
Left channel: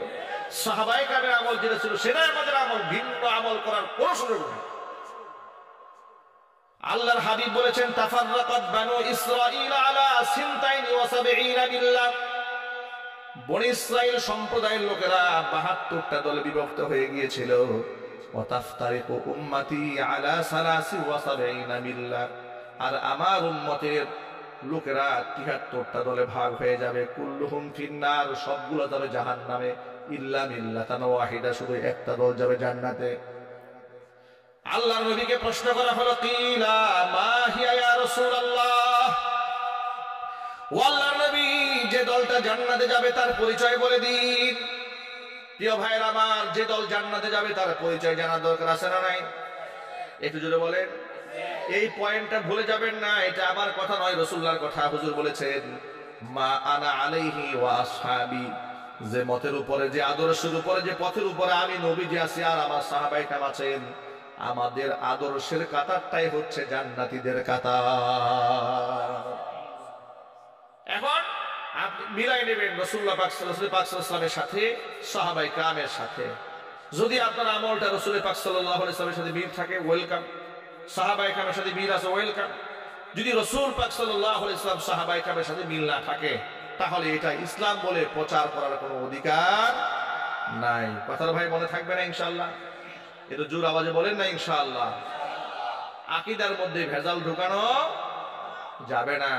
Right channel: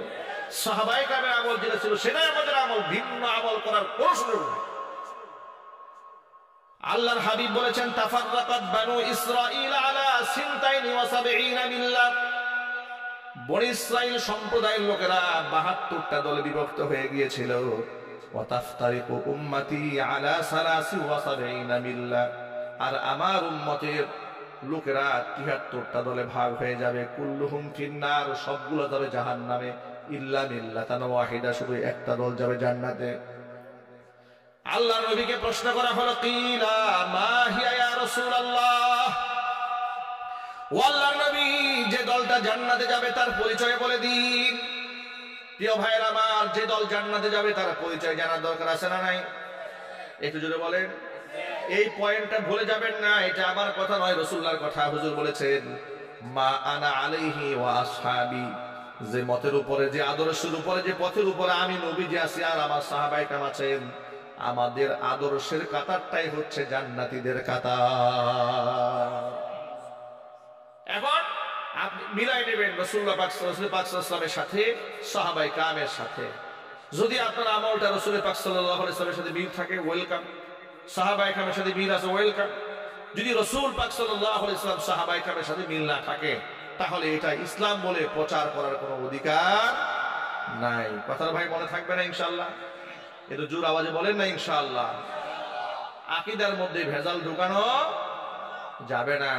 সাহাবায়ে কেরামের আমল যেটা ছিল সেটাই আমাদের আমল, ভিন্ন আমল করার কোনো সুযোগ নেই। আল্লাহর হাবিব বলেছেন তাফাররাকাত বানু ইসরাঈল আলা 72 মিল্লাহ। বনি ইসরাইল সম্প্রদায়ের লোকেরা 72টা দলে বিভক্ত হয়ে গিয়েছিল। ওয়া তাফতারিকু উম্মতি আলা 73 মিল্লাহ। আর আমার উম্মতের লোকেরা 73টা দলে ভাগ হয়ে যাবে। কুল্লুহুম ফিন্নার, সবগুলো যাবে জাহান্নামে, ইল্লা মিল্লাতান ওয়াহিদা, শুধু একটা দল যাবে জান্নাতে। আল্লাহর নবীকে প্রশ্ন করা হলো কিলা মা হিয়া ইয়া রাসূলুল্লাহ, ও আল্লাহর নবী যে দলটা জান্নাতে যাবে তার পরিচয় বলে দিন। প্রিয় ভাইয়েরা আমার, যে দল জান্নাতে যাবে তার পরিচয় জানার দরকার আছে না নাই? একটু জোরে বলেন। এই পয়েন্টটা ভুলে যাবেন না, এটা আমার কথা নয়, রাসূলুল্লাহর কথা। হুজুর বলেছেন মা আনা আলাইহি ওয়া আসহাবি, যে মতের উপরে, যে আদর্শের উপরে, যে পথের উপরে আমি নবীজি আছি আর আমার সাহাবায়ে কেরাম আছেন, আমাদের আদর্শের কাতারটাই হচ্ছে জান্নাতীদের কাতার। এখন আপনি মিলাই নেবেন রাসূলুল্লাহ পাক সাল্লাল্লাহু আলাইহি ওয়াসাল্লামের সাথে, সাহাবায়ে কেরামের সাথে। যদি আপনার আমলটা রাসূল পাক সাল্লাল্লাহু আলাইহি ওয়াসাল্লামের সাথে মিল থাকে, ওয়েলকাম। সাহাবায়ে কেরামের সাথে মিল আছে, ওয়েলকাম। যদি রাসূল পাক সাল্লাল্লাহু আলাইহি ওয়াসাল্লাম সাহাবায়ে কেরামের সাথে মিল না থাকে, তাহলে এটা ইসলাম বলে প্রচার করার কোনো অধিকার নাই। কথাটা ভাই মনে থাকবে না ইনশাআল্লাহ? একটু জোর আওয়াজে বলেন না ইনশাআল্লাহ। আকীদার মধ্যে ভেজাল ঢোকানো যাবে না।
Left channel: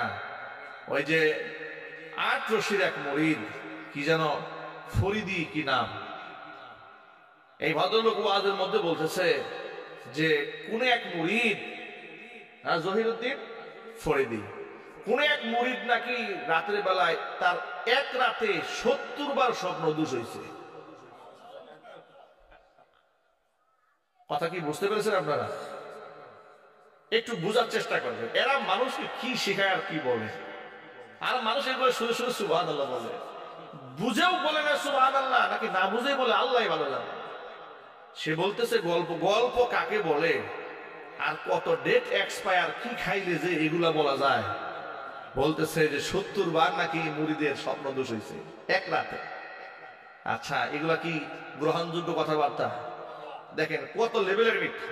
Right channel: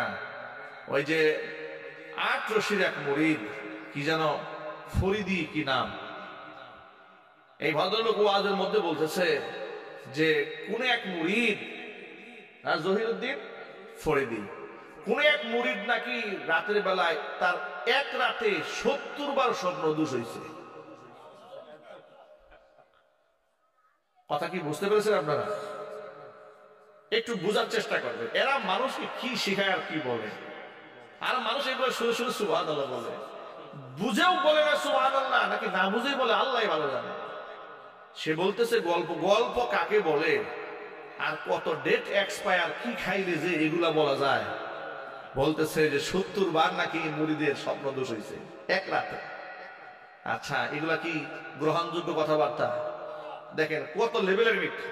ওই যে ৮ রশির এক মুরিদ, কি যেন ফরিদি কি নাম, এই ভদ্রলোক ওয়াজের মধ্যে বলতেছে যে কোন এক মুরিদ, জহিরুদ্দিন ফরিদি, কোন এক মুরিদ নাকি রাতের বেলায় তার এক রাতে ৭০ বার স্বপ্ন দোষ হয়েছে। কথা কি বুঝতে পেরেছেন আপনারা? একটু বুঝার চেষ্টা করবেন। এরা মানুষকে কি শেখায় আর কি বলে, আর মানুষ এগুলো শুনে শুনে সুবহানাল্লাহ বলে, বুঝেও বলে না সুবহানাল্লাহ, নাকি না বুঝেই বলে আল্লাহ ভালো জানে। সে বলতেছে গল্প, গল্প কাকে বলে আর কত ডেট এক্সপায়ার, কি খাইলে যে এগুলা বলা যায়। বলতেছে যে ৭০ বার নাকি মুরিদের স্বপ্ন দোষ হয়েছে এক রাতে। আচ্ছা, এগুলা কি গ্রহণযোগ্য কথাবার্তা? দেখেন কত লেভেলের মিথ্যা।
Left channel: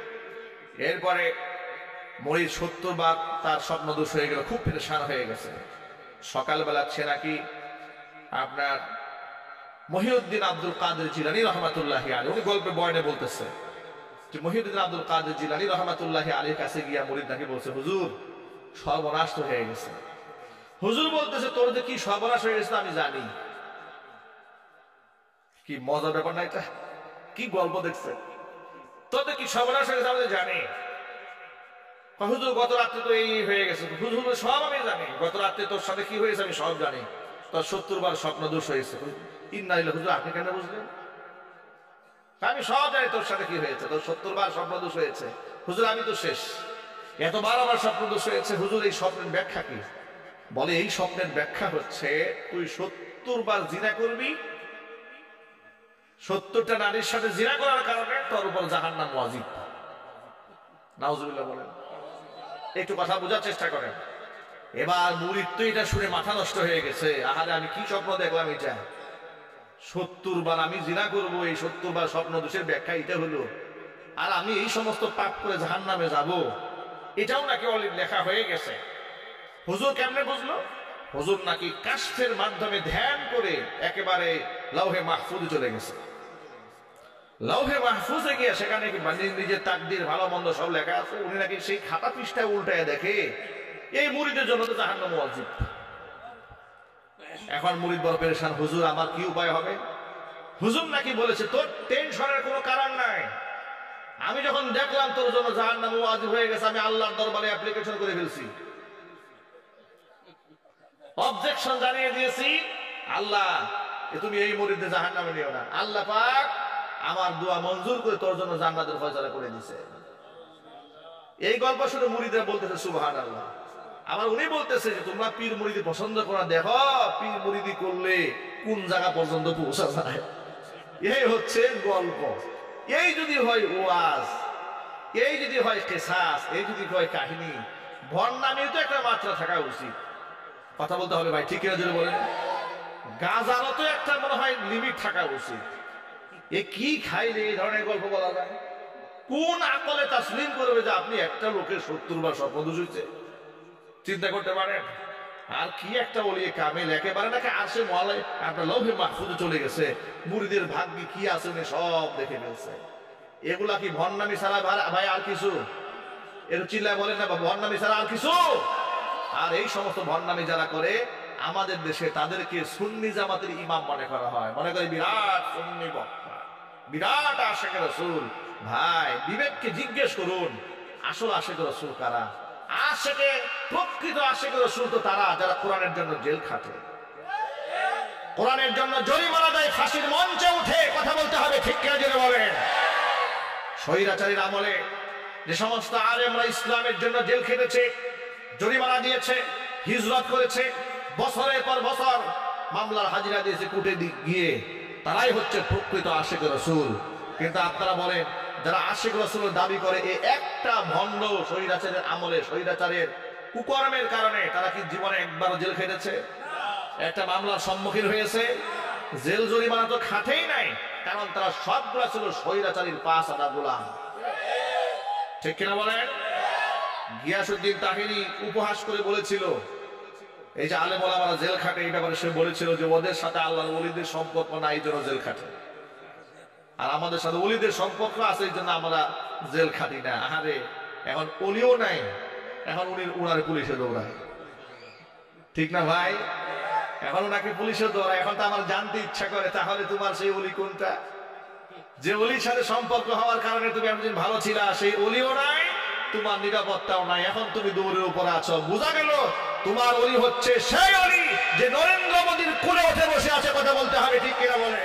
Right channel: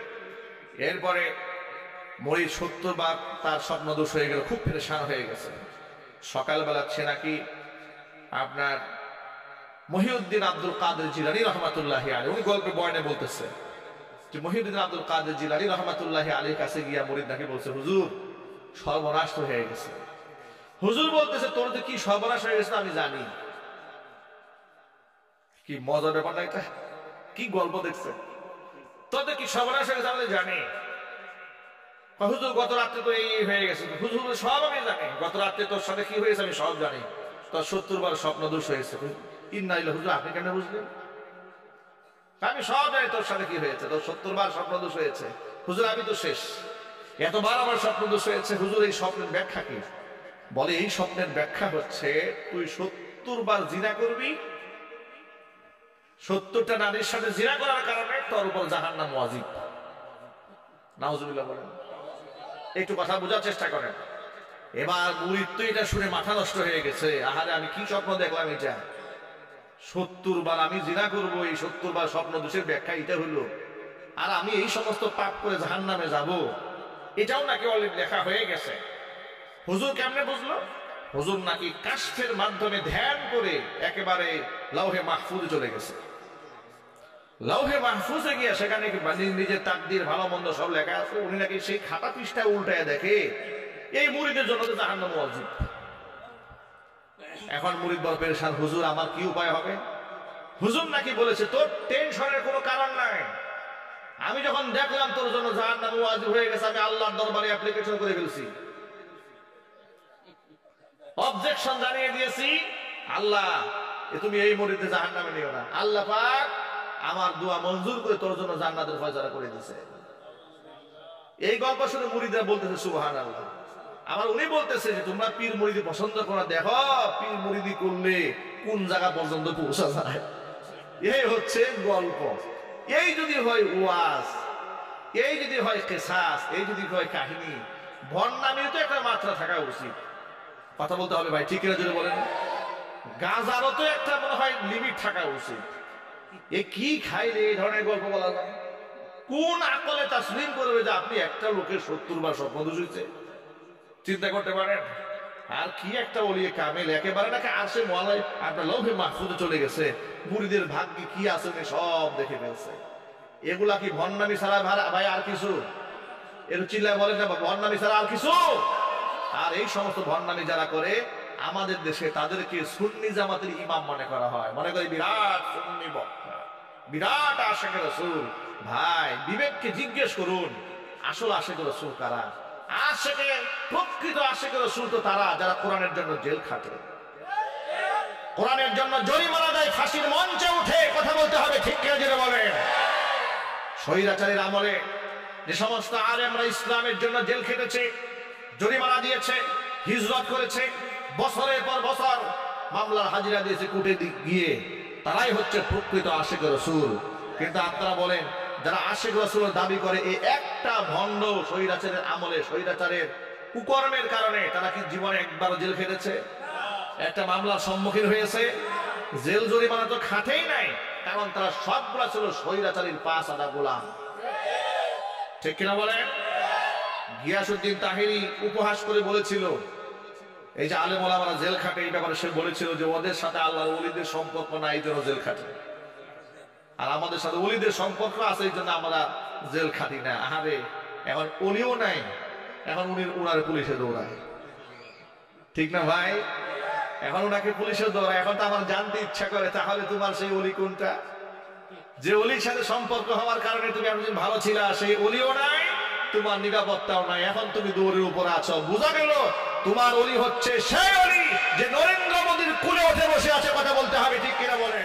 এরপরে মুরিদ ৭০ বার তার স্বপ্ন দোষ হয়ে গেল, খুব পেরেশান হয়ে গেছে। সকালবেলা সে নাকি আপনার মহিউদ্দিন আব্দুল কাদের জিলানী রহমাতুল্লাহি আলাইহি, উনি গল্পে বয়ানে বলতেছে যে মহিউদ্দিন আব্দুল কাদের জিলানী রহমাতুল্লাহি আলাইহির কাছে গিয়া মুরিদ নাকি বলছে হুজুর সর্বনাশ হয়ে গেছে। হুজুর বলতেছে তোর যে কি সর্বনাশ হয়ে গেছে আমি জানি। কি মজার ব্যাপার না এটা? কি গল্প দেখছে, তোর কি সর্বনাশ হয়ে গেছে আমি জানি। হুজুর গত রাত্রে তো এই হয়ে গেছে। হুজুর সব আমি জানি, গত রাত্রে তোর সাথে কি হয়েছে আমি সব জানি। তোর ৭০ বার স্বপ্ন দোষ হয়েছে। ইন্না লিল্লাহি, হুজুর আপনি কেন বুঝলেন? আমি সব জানি তোর সাথে কি হয়েছে, তোর ৭০ বার স্বপ্ন দোষ হয়েছে। হুজুর আমি তো শেষ, এতবার আমার স্বপ্ন দোষ হয়েছে। হুজুর এই স্বপ্নের ব্যাখ্যা কি? বলে এই স্বপ্নের ব্যাখ্যা হচ্ছে তুই 70 বার জিনা করবি, 70টা নারীর সাথে জিনা করার কারণে তোর উপর জাহান্নাম ওয়াজিব। নাউজুবিল্লাহ বলেন। একটু কথা বোঝার চেষ্টা করেন। এবার মুরিদ তো এটা শুনে মাথা নষ্ট হয়ে গেছে, আহারে আমি কি স্বপ্ন দেখলাম, এটা 70 বার আমি জিনা করব, এই 70 বার স্বপ্ন দোষের ব্যাখ্যা এটা হলো, আর আমি এই সমস্ত পাপ করে জাহান্নামে যাব, এটাও নাকি অলরেডি লেখা হয়ে গেছে। হুজুর কেমনে বুঝলো? হুজুর নাকি কাশফের মাধ্যমে ধ্যান করে একেবারে লাউহে মাহফুজে চলে গেছে। লাউহে মাহফুজে গিয়ে সেখানে নিজের তাকদীর ভালো মন্দ সব লেখা আছে। উনি নাকি সেই খাতা পৃষ্ঠা উল্টায় দেখে এই মুরিদের জন্য তো জাহান্নাম ওয়াজিব। এখন মুরিদ বড় পেরেশান, হুজুর আমার কি উপায় হবে? হুজুর নাকি বলেছে তোর টেনশনের কোনো কারণ নাই, আমি যখন দেখলাম তোর জন্য জাহান্নাম ওয়াজিব হয়ে গেছে, আমি আল্লাহর দরবারে অ্যাপ্লিকেশন করে ফেলছি, অবজেকশন জানিয়ে দিয়েছি, আল্লাহ তুমি এই মুরিদে জাহান্নামে নিও না। আল্লাহ পাক আমার দোয়া মঞ্জুর করে তোর জন্য জান্নাতের ফয়সালা করে দিয়েছে। এই গল্প শুনে মুরিদরা বলতেছে সুবহানাল্লাহ। আবার উনি বলতেছে যে তোমরা পীর মুরিদি পছন্দ করো না, দেখো পীর মুরিদি করলে কোন জায়গা পর্যন্ত পৌঁছা যায়। এই হচ্ছে গল্প। এই যদি হয় ওয়াজ, এই যদি হয় কিসাস, এই যদি হয় কাহিনী, ভণ্ডামির তো একটা মাত্রা থাকা উচিত। কথা বলতে হবে ভাই, ঠিক কিনা জোরে বলেন। গাজারও তো একটা মনে হয় লিমিট থাকা উচিত। এ কি খাইলে এই ধরনের গল্প বলা যায়? কোন আকলে তাসলিম করবে যে আপনি একটা লোকের 70 বার স্বপ্ন দোষিছে? চিন্তা করতে পারেন। আর কি একটা ওলিয়ে কামেল, একেবারে নাকি আরশে মুআল্লায় আপনার লৌহে মাহফুজে চলে গেছে। মুরিদের ভাগ্যে কি আছে উনি সব দেখে ফেলছে। এগুলা কি ভণ্ডামি ছাড়া ভাই আর কিছু? এর চিল্লায় বলেন না, ভণ্ডামি ছাড়া আর কিছু? আর এই সমস্ত ভণ্ডামি যারা করে আমাদের দেশে তাদেরকে সুন্নি জামাতের ইমাম মনে করা হয়, মনে করে বিরাট সুন্নি বক্তা, বিরাট আশিক রাসূল। ভাই বিবেককে জিজ্ঞেস করুন, আসল আশিক রাসূল কারা? আশিকে প্রকৃত আশিক রাসূল তো তারা যারা কোরআনের জন্য জেল খাটে, কোরআনের জন্য জরিমানা দেয়, ফাঁসির মঞ্চে উঠে। কথা বলতে হবে, ঠিক কিনা জেনে বলেন। স্বৈরাচারীর আমলে যে সমস্ত আলেমরা ইসলামের জন্য জেল খেটেছে, জরিমানা দিয়েছে, হিজরত করেছে, বছরের পর বছর মামলার হাজিরা দিয়েছে কোর্টে গিয়ে, তারাই হচ্ছে প্রকৃত আশিক রাসূল। কিন্তু আপনারা বলেন যারা আশিক রাসূলের দাবি করে, এই একটা ভণ্ড স্বৈরাচারের আমলে স্বৈরাচারের কুকর্মের কারণে তারা কি জীবনে একবারও জেল খেটেছে? একটা মামলার সম্মুখীন হয়েছে? জেল জরিমানা তো খাটেই নাই, কারণ তারা সবগুলা ছিল স্বৈরাচারীর পাঁচ আদা গোলাম। ঠিক কিনা বলেন? গিয়াসউদ্দিন তাহিরি উপহাস করে বলেছিল, এই যে আলেম ওলামারা জেল খাটে, এই ব্যাপারে সে বলেছিল যে ওদের সাথে আল্লাহর ওলিদের সম্পর্ক নাই, এই জন্য জেল খাটে, আর আমাদের সাথে ওলিদের সম্পর্ক আছে, এই জন্য আমরা জেল খাটি না। আহারে, এখন ওলিও নাই, এখন উনার পুলিশে দৌড়ায়। ঠিক না ভাই? এখন ওনাকে পুলিশে দৌড়ায়। এখন তো আমার জানতে ইচ্ছা করে, তাহলে তোমার সেই ওলি কোনটা? যে ওলির সাথে সম্পর্ক হওয়ার কারণে তুমি এতদিন ভালো ছিলা, সেই ওলিও নাই, তোমার নিরাপত্তাও নাই, এখন তুমি দৌড়ের উপরে আছো। বোঝা গেল তোমার ওলি হচ্ছে সেই ওলি যে নরেন্দ্র মোদীর কুলে উঠে বসে আছে। কথা বলতে হবে, ঠিক কিনা বলে।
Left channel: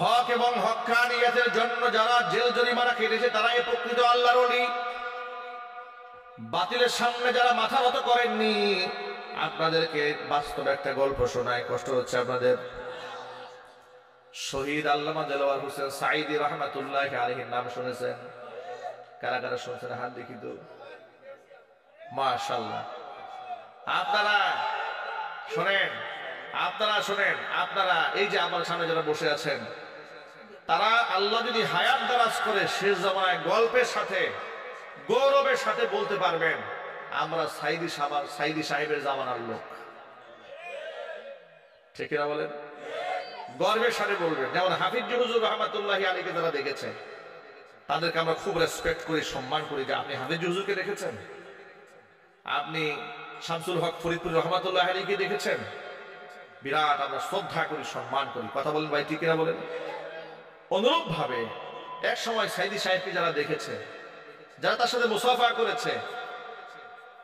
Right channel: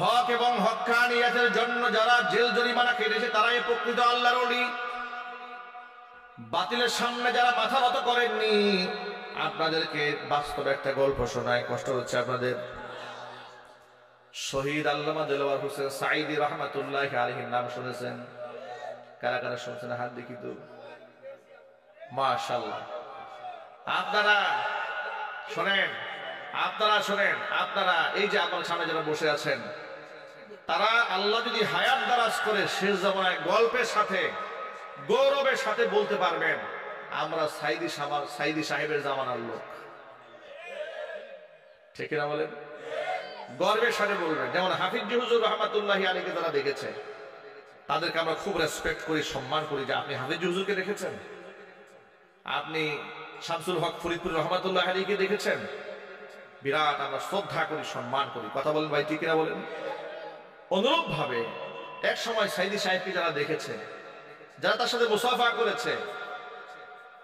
হক এবং হক্কানিয়াতের জন্য যারা জেল জরিমানা কেটেছে তারাই প্রকৃত আল্লাহর ওলি। বাতিলের সামনে যারা মাথা নত করেননি, আপনাদেরকে বাস্তব একটা গল্প শোনায়, কষ্ট হচ্ছে আপনাদের। শহীদ আল্লামা দেলোয়ার হোসেন সাঈদী রহমাতুল্লাহ আলাইহির নাম শুনেছেন? কারা কারা শুনছেন হাত দেখি তো। মাশাআল্লাহ। আপনারা শোনেন, আপনারা শোনেন, আপনারা এই যে আমার সামনে যারা বসে আছেন, তারা আল্লাহ যদি হায়াত দারাজ করে শেষ জামানায় গল্পের সাথে গৌরবের সাথে বলতে পারবেন আমরা সাইদি সাহেবের জামানার লোক। ঠিক না বলেন? গর্বের সাথে বলবেন। যেমন হাফিজ হুজুর রহমাতুল্লাহি আলাইহি যারা দেখেছে তাদেরকে আমরা খুব রেসপেক্ট করি, সম্মান করি। যে আপনি হাফিজ হুজুরকে দেখেছেন, আপনি শামসুল হক ফরিদপুর রহমাতুল্লাহি আলাইহিকে দেখেছেন, বিরাট আমরা শ্রদ্ধা করি, সম্মান করি। কথা বলেন ভাই, ঠিক কিনা বলেন? অনুরূপ ভাবে এক সময় সাইদি সাহেবকে যারা দেখেছে, যারা তার সাথে মুসাফা করেছে,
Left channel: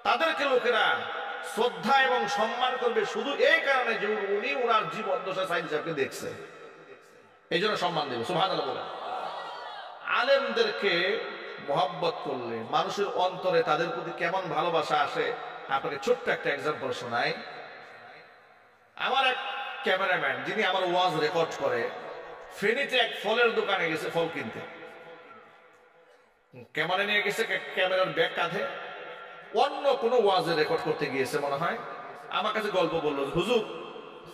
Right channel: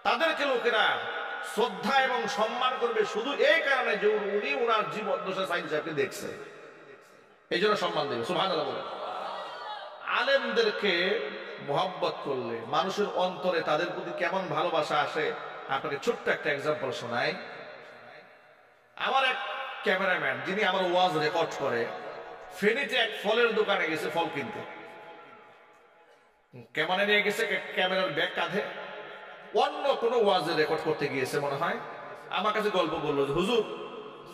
তাদেরকে লোকেরা শ্রদ্ধা এবং সম্মান করবে শুধু এই কারণে যে উনি উনার জীবন দশা সাইদ সাহেবকে দেখছে, এই জন্য সম্মান দেবে। সুবহানাল্লাহ বলেন। আলেমদেরকে মোহাব্বত করলে মানুষের অন্তরে তাদের প্রতি কেমন ভালোবাসা আসে, আপনাকে ছোট্ট একটা এক্সাম্পল শোনাই। আমার এক ক্যামেরাম্যান যিনি আমার ওয়াজ রেকর্ড করে, ফেনীতে এক ফলের দোকানে গেছে ফল কিনতে। ক্যামেরা নিয়ে গেছে, ক্যামেরার ব্যাগ কাঁধে, অন্য কোনো ওয়াজে রেকর্ড করতে গিয়েছে মনে হয়। আমার কাছে গল্প বললো যে হুজুর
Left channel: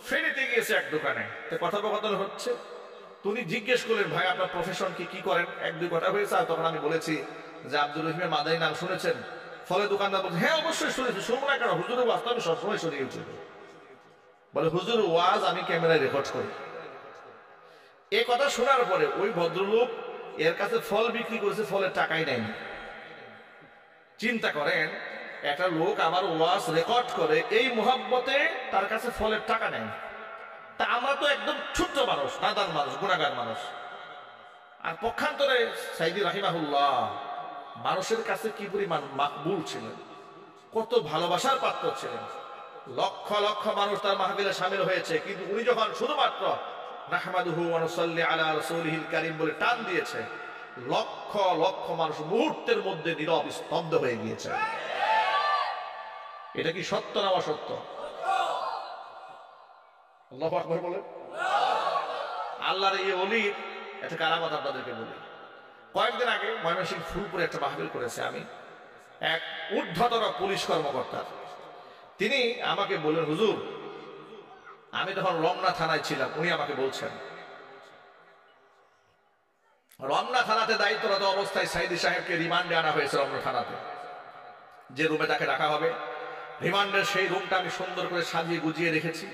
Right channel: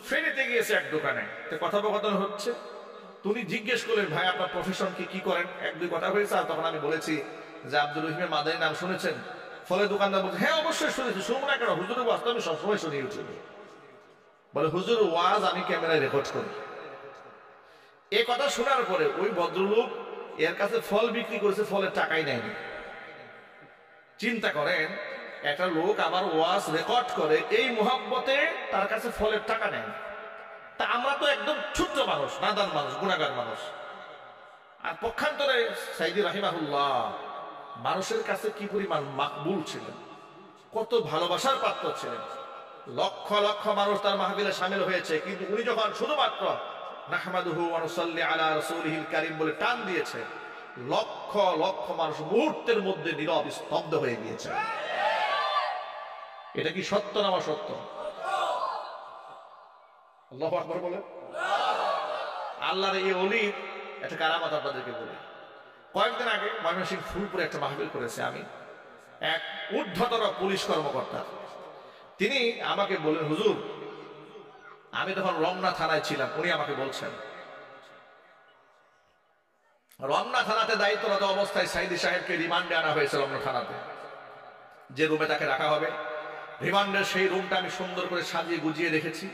ফেনীতে গিয়েছে এক দোকানে, কথোপকথন হচ্ছে। তুমি জিজ্ঞেস করলেন ভাই আপনার প্রফেশন কি করেন, এক দুই কথা হয়েছে। আর তখন আমি বলেছি যে আব্দুর রহিমের মাদানী নাম শুনেছেন? ফলের দোকানদার বলছে হ্যাঁ অবশ্যই শুনেছি। শুনবো না কেন, হুজুরের ওয়াজ তো আমি সবসময় শুনি ইউটিউবে। বলে হুজুরের ওয়াজ আমি ক্যামেরায় রেকর্ড করি। এ কথা শোনার পরে ওই ভদ্রলোক এর কাছে ফল বিক্রি করেছে, ফলের টাকাই নেয়নি। চিন্তা করেন, একটা লোক আমার ওয়াজ রেকর্ড করে এই মোহাব্বতে তার কাছে ফলের টাকা নেয়। তা আমরা তো একদম ছোট্ট মানুষ, নাদান মানুষ, গুনাহগার মানুষ। আর পক্ষান্তরে সাইদি রাহিমাহুল্লাহ মানুষের কাছে কি পরিমাণ মাকবুল ছিলেন, কত ভালোবাসার পাত্র ছিলেন। লক্ষ লক্ষ মানুষ তার মাহফিলে শামিল হয়েছে, কিন্তু উনি যখন শুধুমাত্র নাহমাদুহু ওয়া নুসাল্লি আলা রাসূলিহিল কারীম বলে টান দিয়েছে, লক্ষ লক্ষ মানুষ মুহূর্তের মধ্যে নীরব স্তব্ধ হয়ে গিয়েছে। এটা কি সত্য না অসত্য? আল্লাহু আকবার বলেন। আল্লাহর এই ওলির একটা কারামত আপনাদেরকে বলি। কয়েকদিন আগে ময়মনসিংহ ফুলপুরে একটা মাহফিল করেছে আমি, এক ঊর্ধ্বতন পুলিশ কর্মকর্তা। তিনি আমাকে বললেন হুজুর, আমি তখন রমনা থানায় ছিলাম, উনি আমাকে বলছেন রমনা থানাতে দায়িত্বরত অবস্থায় সাইদি সাহেবকে রিমান্ডে আনা হয়েছে। রমনা থানাতে যে রুমে তাকে রাখা হবে, রিমান্ডের সেই রুমটা আমি সুন্দর করে সাজিয়ে গুজিয়ে রেখেছি,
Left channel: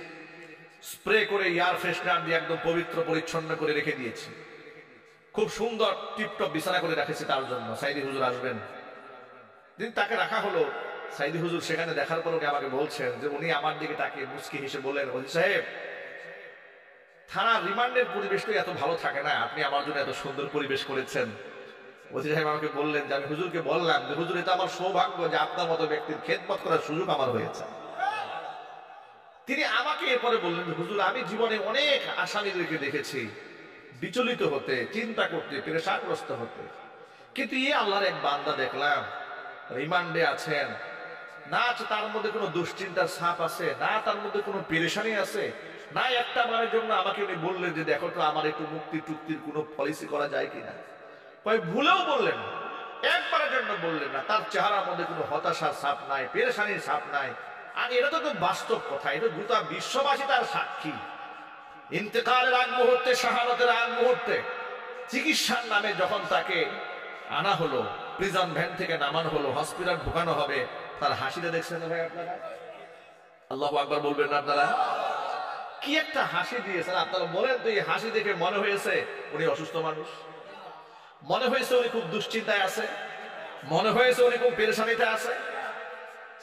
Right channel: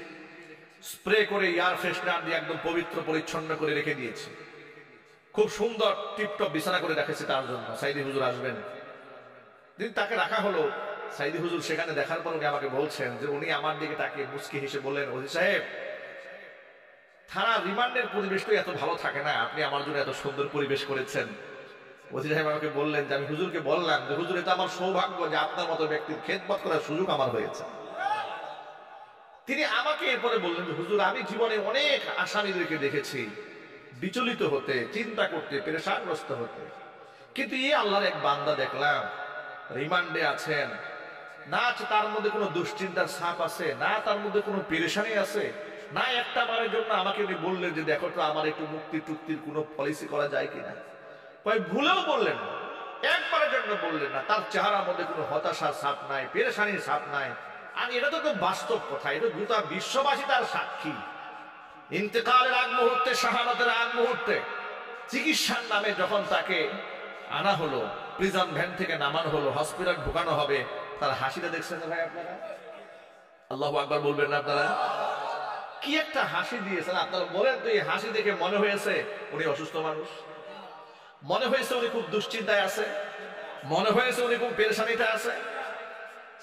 স্প্রে করে এয়ার ফ্রেশনার দিয়ে একদম পবিত্র পরিচ্ছন্ন করে রেখে দিয়েছি। খুব সুন্দর টিপটপ বিছানা করে রেখেছি তার জন্য, সাইদি হুজুর আসবেন। দিন তাকে রাখা হলো, সাইদি হুজুর সেখানে দেখার পর উনি আমাকে বলছেন যে উনি আমার দিকে তাকিয়ে মুচকি হেসে বললেন, ওজি সাহেব থানার রিমান্ডের পরিবেশটা এত ভালো থাকে না, আপনি আমার জন্য এত সুন্দর পরিবেশ করেছেন। ওজি সাহেব আমাকে বললেন যে আমি হুজুরকে বললাম যে হুজুর এটা আমার সৌভাগ্য যে আপনার মতো ব্যক্তির খেদমত করার সুযোগ আমার হয়েছে। তিনি আমাকে এরপরে বললেন যে হুজুর আমি জীবনে অনেক আসামিদেরকে দেখেছি বিচলিত হতে, চিন্তা করতে, পেরেশানগ্রস্ত হতে, কিন্তু এই আল্লাহর এক বান্দা দেখলাম রিমান্ডে আছেন, না আছে তার মধ্যে কোনো দুশ্চিন্তার ছাপ আছে, না তার মধ্যে কোনো পেরেশানি আছে, না একটা বারের জন্য আমাকে উনি বললেন যে দেখো তো আমার একটু মুক্তি টুক্তির কোনো পলিসি করা যায় কিনা। কয় ভুলেও বললেন না, একবারের জন্য বললেন না। তার চেহারার মধ্যে কোনো হতাশার ছাপ নাই, পেরেশানির ছাপ নাই। আর এটা তো বাস্তব কথা, এটা গোটা বিশ্ববাসী তার সাক্ষী। ইন্তেকালের আগ মুহূর্তে, শাহাদাতের আগ মুহূর্তে চিকিৎসার নামে যখন তাকে আনা হলো, প্রিজন ভ্যান থেকে নামানো হলো, হসপিটাল ঢুকানো হবে, তার হাসিটা দেখছেন না ভাই আপনারা? আল্লাহু আকবার বলবেন না আপনারা? কি একটা হাসি দিয়েছেন আপনারা বলেন তো। এই হাসি দেখে মনে হয়েছে উনি অসুস্থ মানুষ, মনে হয়েছে উনি খুব দুশ্চিন্তায় আছে, মনে হয়েছে উনি খুব পেরেশানিতে আছে।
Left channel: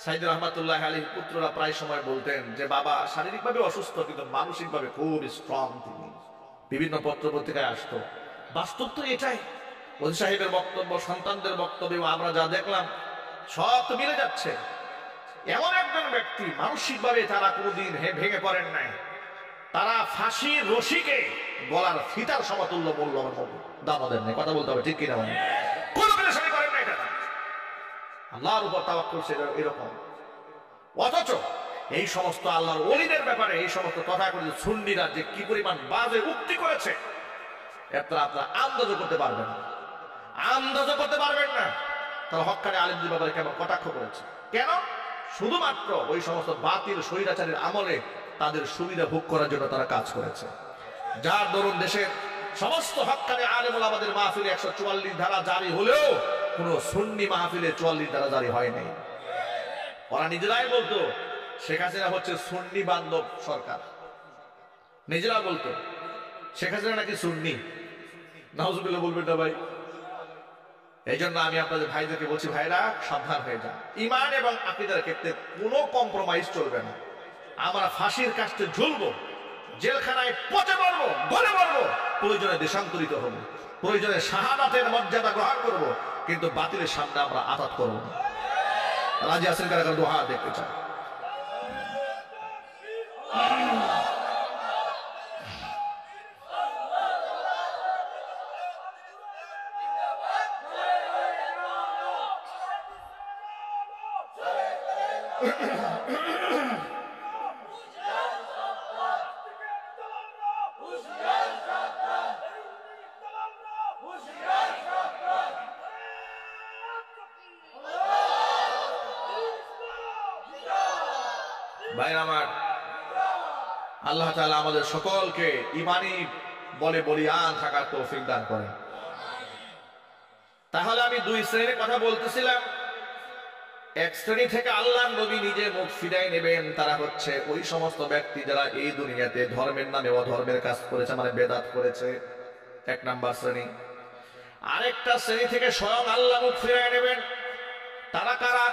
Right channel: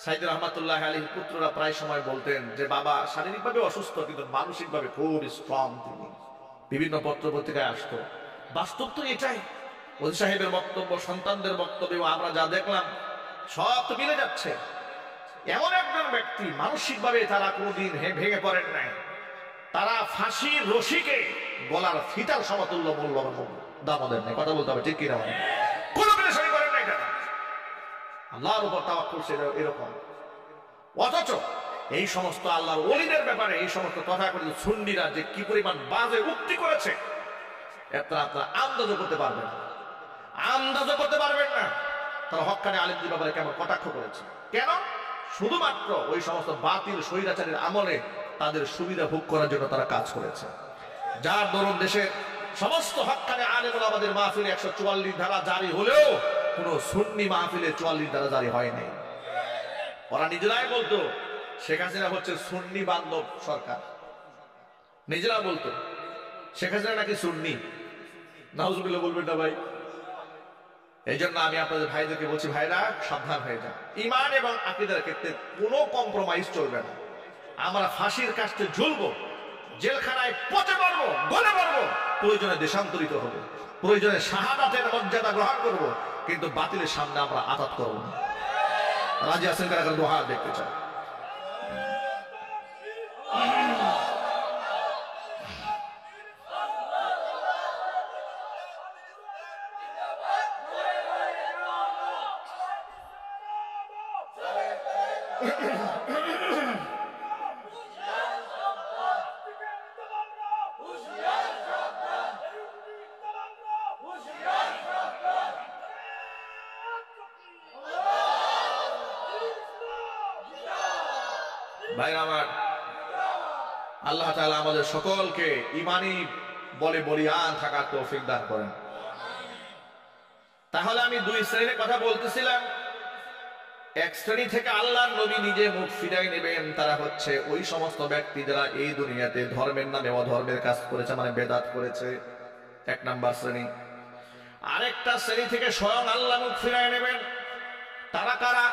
সাইদ রহমাতুল্লাহ আলী পুত্ররা প্রায় সময় বলতেন যে বাবা শারীরিকভাবে অসুস্থ কিন্তু মানসিকভাবে খুব স্ট্রং। তিনি বিভিন্ন পত্র পত্রিকায় আসতো। বাস্তব তো এটাই। ওজি সাহেবের বক্তব্য, সন্তানদের বক্তব্য, আমরা যা দেখলাম সব তো মিলে যাচ্ছে। এমন একজন ব্যক্তি মানসিকভাবে তারা কোনোদিন ভেঙে পড়েন নাই। তারা ফাঁসির রশিকে গলার ফিতার সমতুল্য মূল্য দাম দেন নাই। কথা বলতে হবে ঠিক কিনা? মানে কোনো পেরেশানি করেন নাই তারা, আল্লাহর উপর তাওয়াক্কুল ছিল এরকম। অথচ এই সমস্ত আল্লাহর ওলিদের ব্যাপারে এই সমস্ত তথাকথিত সুন্নিরা যে কি পরিমাণ বাজে উক্তি করেছে আপনারা আন্দাজও করতে পারবেন না, আন্দাজও করতে পারবেন না। তারা হক্কানি আলেমদের ব্যাপারে কেমন কটাক্ষ করেছে। কেন? শুধুমাত্র ওই সমস্ত বাতিল স্বৈরাচারীর আমলে তাদের সুবিধা ভোগ করার জন্য তারা কাজ করেছে। যার দরুন দেশের সমস্ত হক্কানি আলেম ওলামাদের মাহফিলে 144 ধারা জারি হলেও কোন সুন্নি মাহফিলে 44 ধারা জারি হয় নাই। ওরা নিজেরাই বলতো শেখ হাসিনা হচ্ছে সুন্নি বান্ধব সরকার, নিজেরা বলতো শেখ হাসিনা নাকি সুন্নি। নাউজুবিল্লাহ বলবেন না ভাই? এই জন্য আমি আপনাদের ভাইদেরকে বলছি, ভাইরা সাবধান হয়ে যান। ঈমান এবং আকীদার ক্ষেত্রে কোনো কম্প্রোমাইজ চলবে না। আমরা ফাঁসির কাস্টে ঝুলবো, জেলখানায় পচে মরবো, গলে মরবো, প্রয়োজনে দেশান্তরিত হবো, প্রয়োজনে শাহাদাতের মর্যাদা গ্রহণ করব, কিন্তু বাতিলের সামনে আমরা আতাত করব না। রাজি আছেন কারা কারা? 2 হাত দেখতে চাই। ভাইরা আমার, আল্লাহ তাআলা আমাদের সকলকে ঈমানি বলে বলিয়ান থাকার তৌফিক দান করেন। তাহলে আমি 2 শ্রেণীর কথা বলতেছিলাম। এক শ্রেণী থেকে আল্লাহর নবী নিজে মুখ ফিরাই নেবেন, তারা হচ্ছে ওই সমস্ত ব্যক্তি যারা এই দুনিয়াতে ধর্মের নামে অধর্মের কাজ করেছে, মানে বেদাত করেছে, 1 নাম্বার শ্রেণী। আরেকটা শ্রেণী থেকে স্বয়ং আল্লাহ মুখ ফিরাই নেবেন, তারা কারা?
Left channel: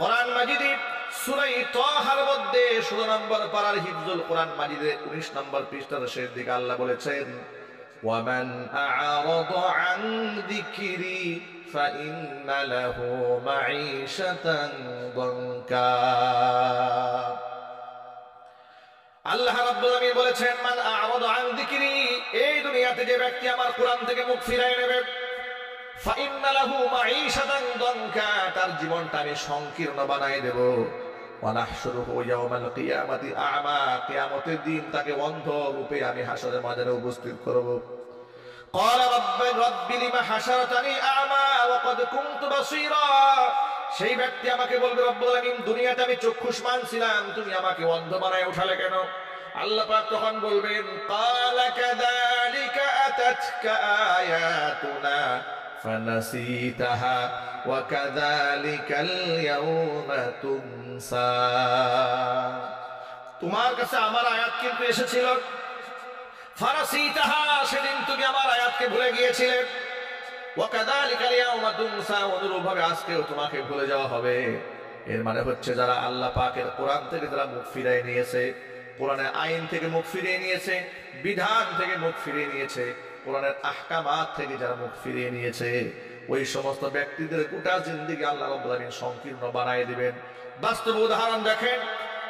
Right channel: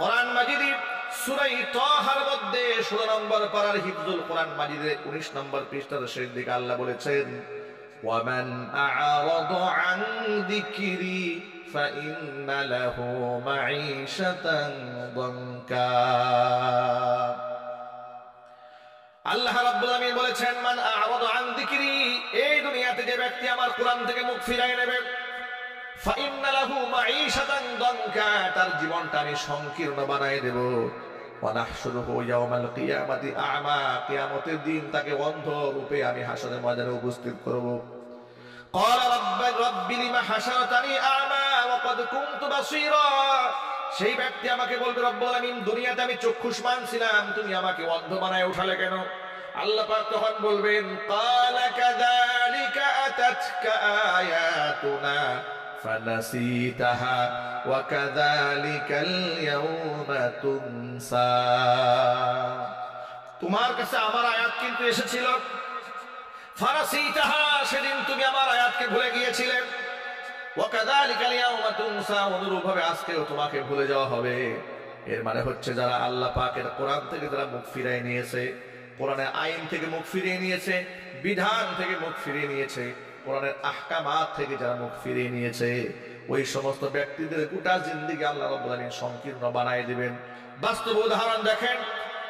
কোরআন মাজিদে সূরা তাহার মধ্যে 16 নম্বর পারার হিফজুল কোরআন মাজিদের 19 নম্বর পৃষ্ঠার শেষ দিকে আল্লাহ বলেছেন, ওয়ামান আ'রাদা আন যিকরি ফাইন্না লাহু মাঈশাতান দানকা। আল্লাহ রাব্বুল আলামিন বলেছেন, মান আ'রাদা আন যিকরি, এই দুনিয়াতে যে ব্যক্তি আমার কোরআন থেকে মুখ ফিরায় নেবে, ফাইন্না লাহু মাঈশাতান দানকা, তার জীবনটা আমি সংকীর্ণ বানায় দেব। ওয়া নাহশুরুহু ইয়াওমাল কিয়ামাতি আ'মা, কিয়ামতের দিন তাকে অন্ধ রূপে আমি হাসরের ময়দানে উপস্থিত করব। ক্বালা রাব্বি লিমা হাশারতানি আ'মা ওয়া ক্বাদ কুনতু বাসীরা, সেই ব্যক্তি আমাকে বলবে, রব্বুল আলামিন দুনিয়াতে আমি চক্ষুষ্মান ছিলাম, তুমি আমাকে অন্ধ বানায় উঠালে কেন? আল্লাহ পাক তখন বলবেন, ক্বালা কাযালিকা আতাতকা আয়াতুনা ফানাসিতাহা ওয়া কাযালিকাল ইয়াওমা তুনসা, তোমার কাছে আমার আয়াত কিন্তু এসেছিল, ফানাসিতাহা, সেদিন তুমি আমার আয়াতকে ভুলে গিয়েছিলে, ওয়া কাযালিকাল ইয়াওমা তুনসা, অনুরূপভাবে আজকেও তোমাকে ভুলে যাওয়া হবে। এর মানে হচ্ছে যারা আল্লাহ পাকের কোরআন থেকে যারা মুখ ফিরিয়ে নিয়েছে, কোরআনের আইন থেকে মুখ ফিরিয়ে নিয়েছে, বিধান থেকে মুখ ফিরিয়ে নিয়েছে, কোরআনের আহকামাত থেকে যারা মুখ ফিরিয়ে নিয়েছে, ওই সমস্ত ব্যক্তিদের গোটা জিন্দেগি আল্লাহ রাব্বুল আলামিন সংকীর্ণ বানায় দিবেন। বাস্তব উদাহরণ দেখেন,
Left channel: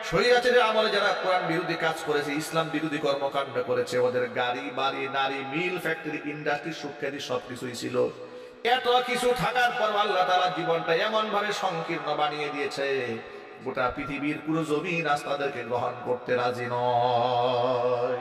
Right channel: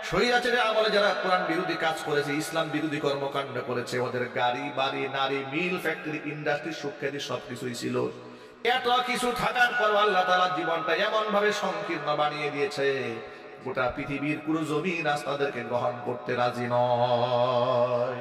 স্বৈরাচারের আমলে যারা কোরআন বিরোধী কাজ করেছে, ইসলাম বিরোধী কর্মকাণ্ড করেছে, ওদের গাড়ি বাড়ি নারী মিল ফ্যাক্টরি ইন্ডাস্ট্রি সুখ্যাতি সবকিছুই ছিল। এত কিছু থাকার পর আল্লাহ তাআলা জীবনটা এমন ভাবে সংকীর্ণ বানিয়ে দিয়েছে, গোটা পৃথিবীর পুরো জমিন আজ তাদেরকে গ্রহণ করতে রাজি নয়।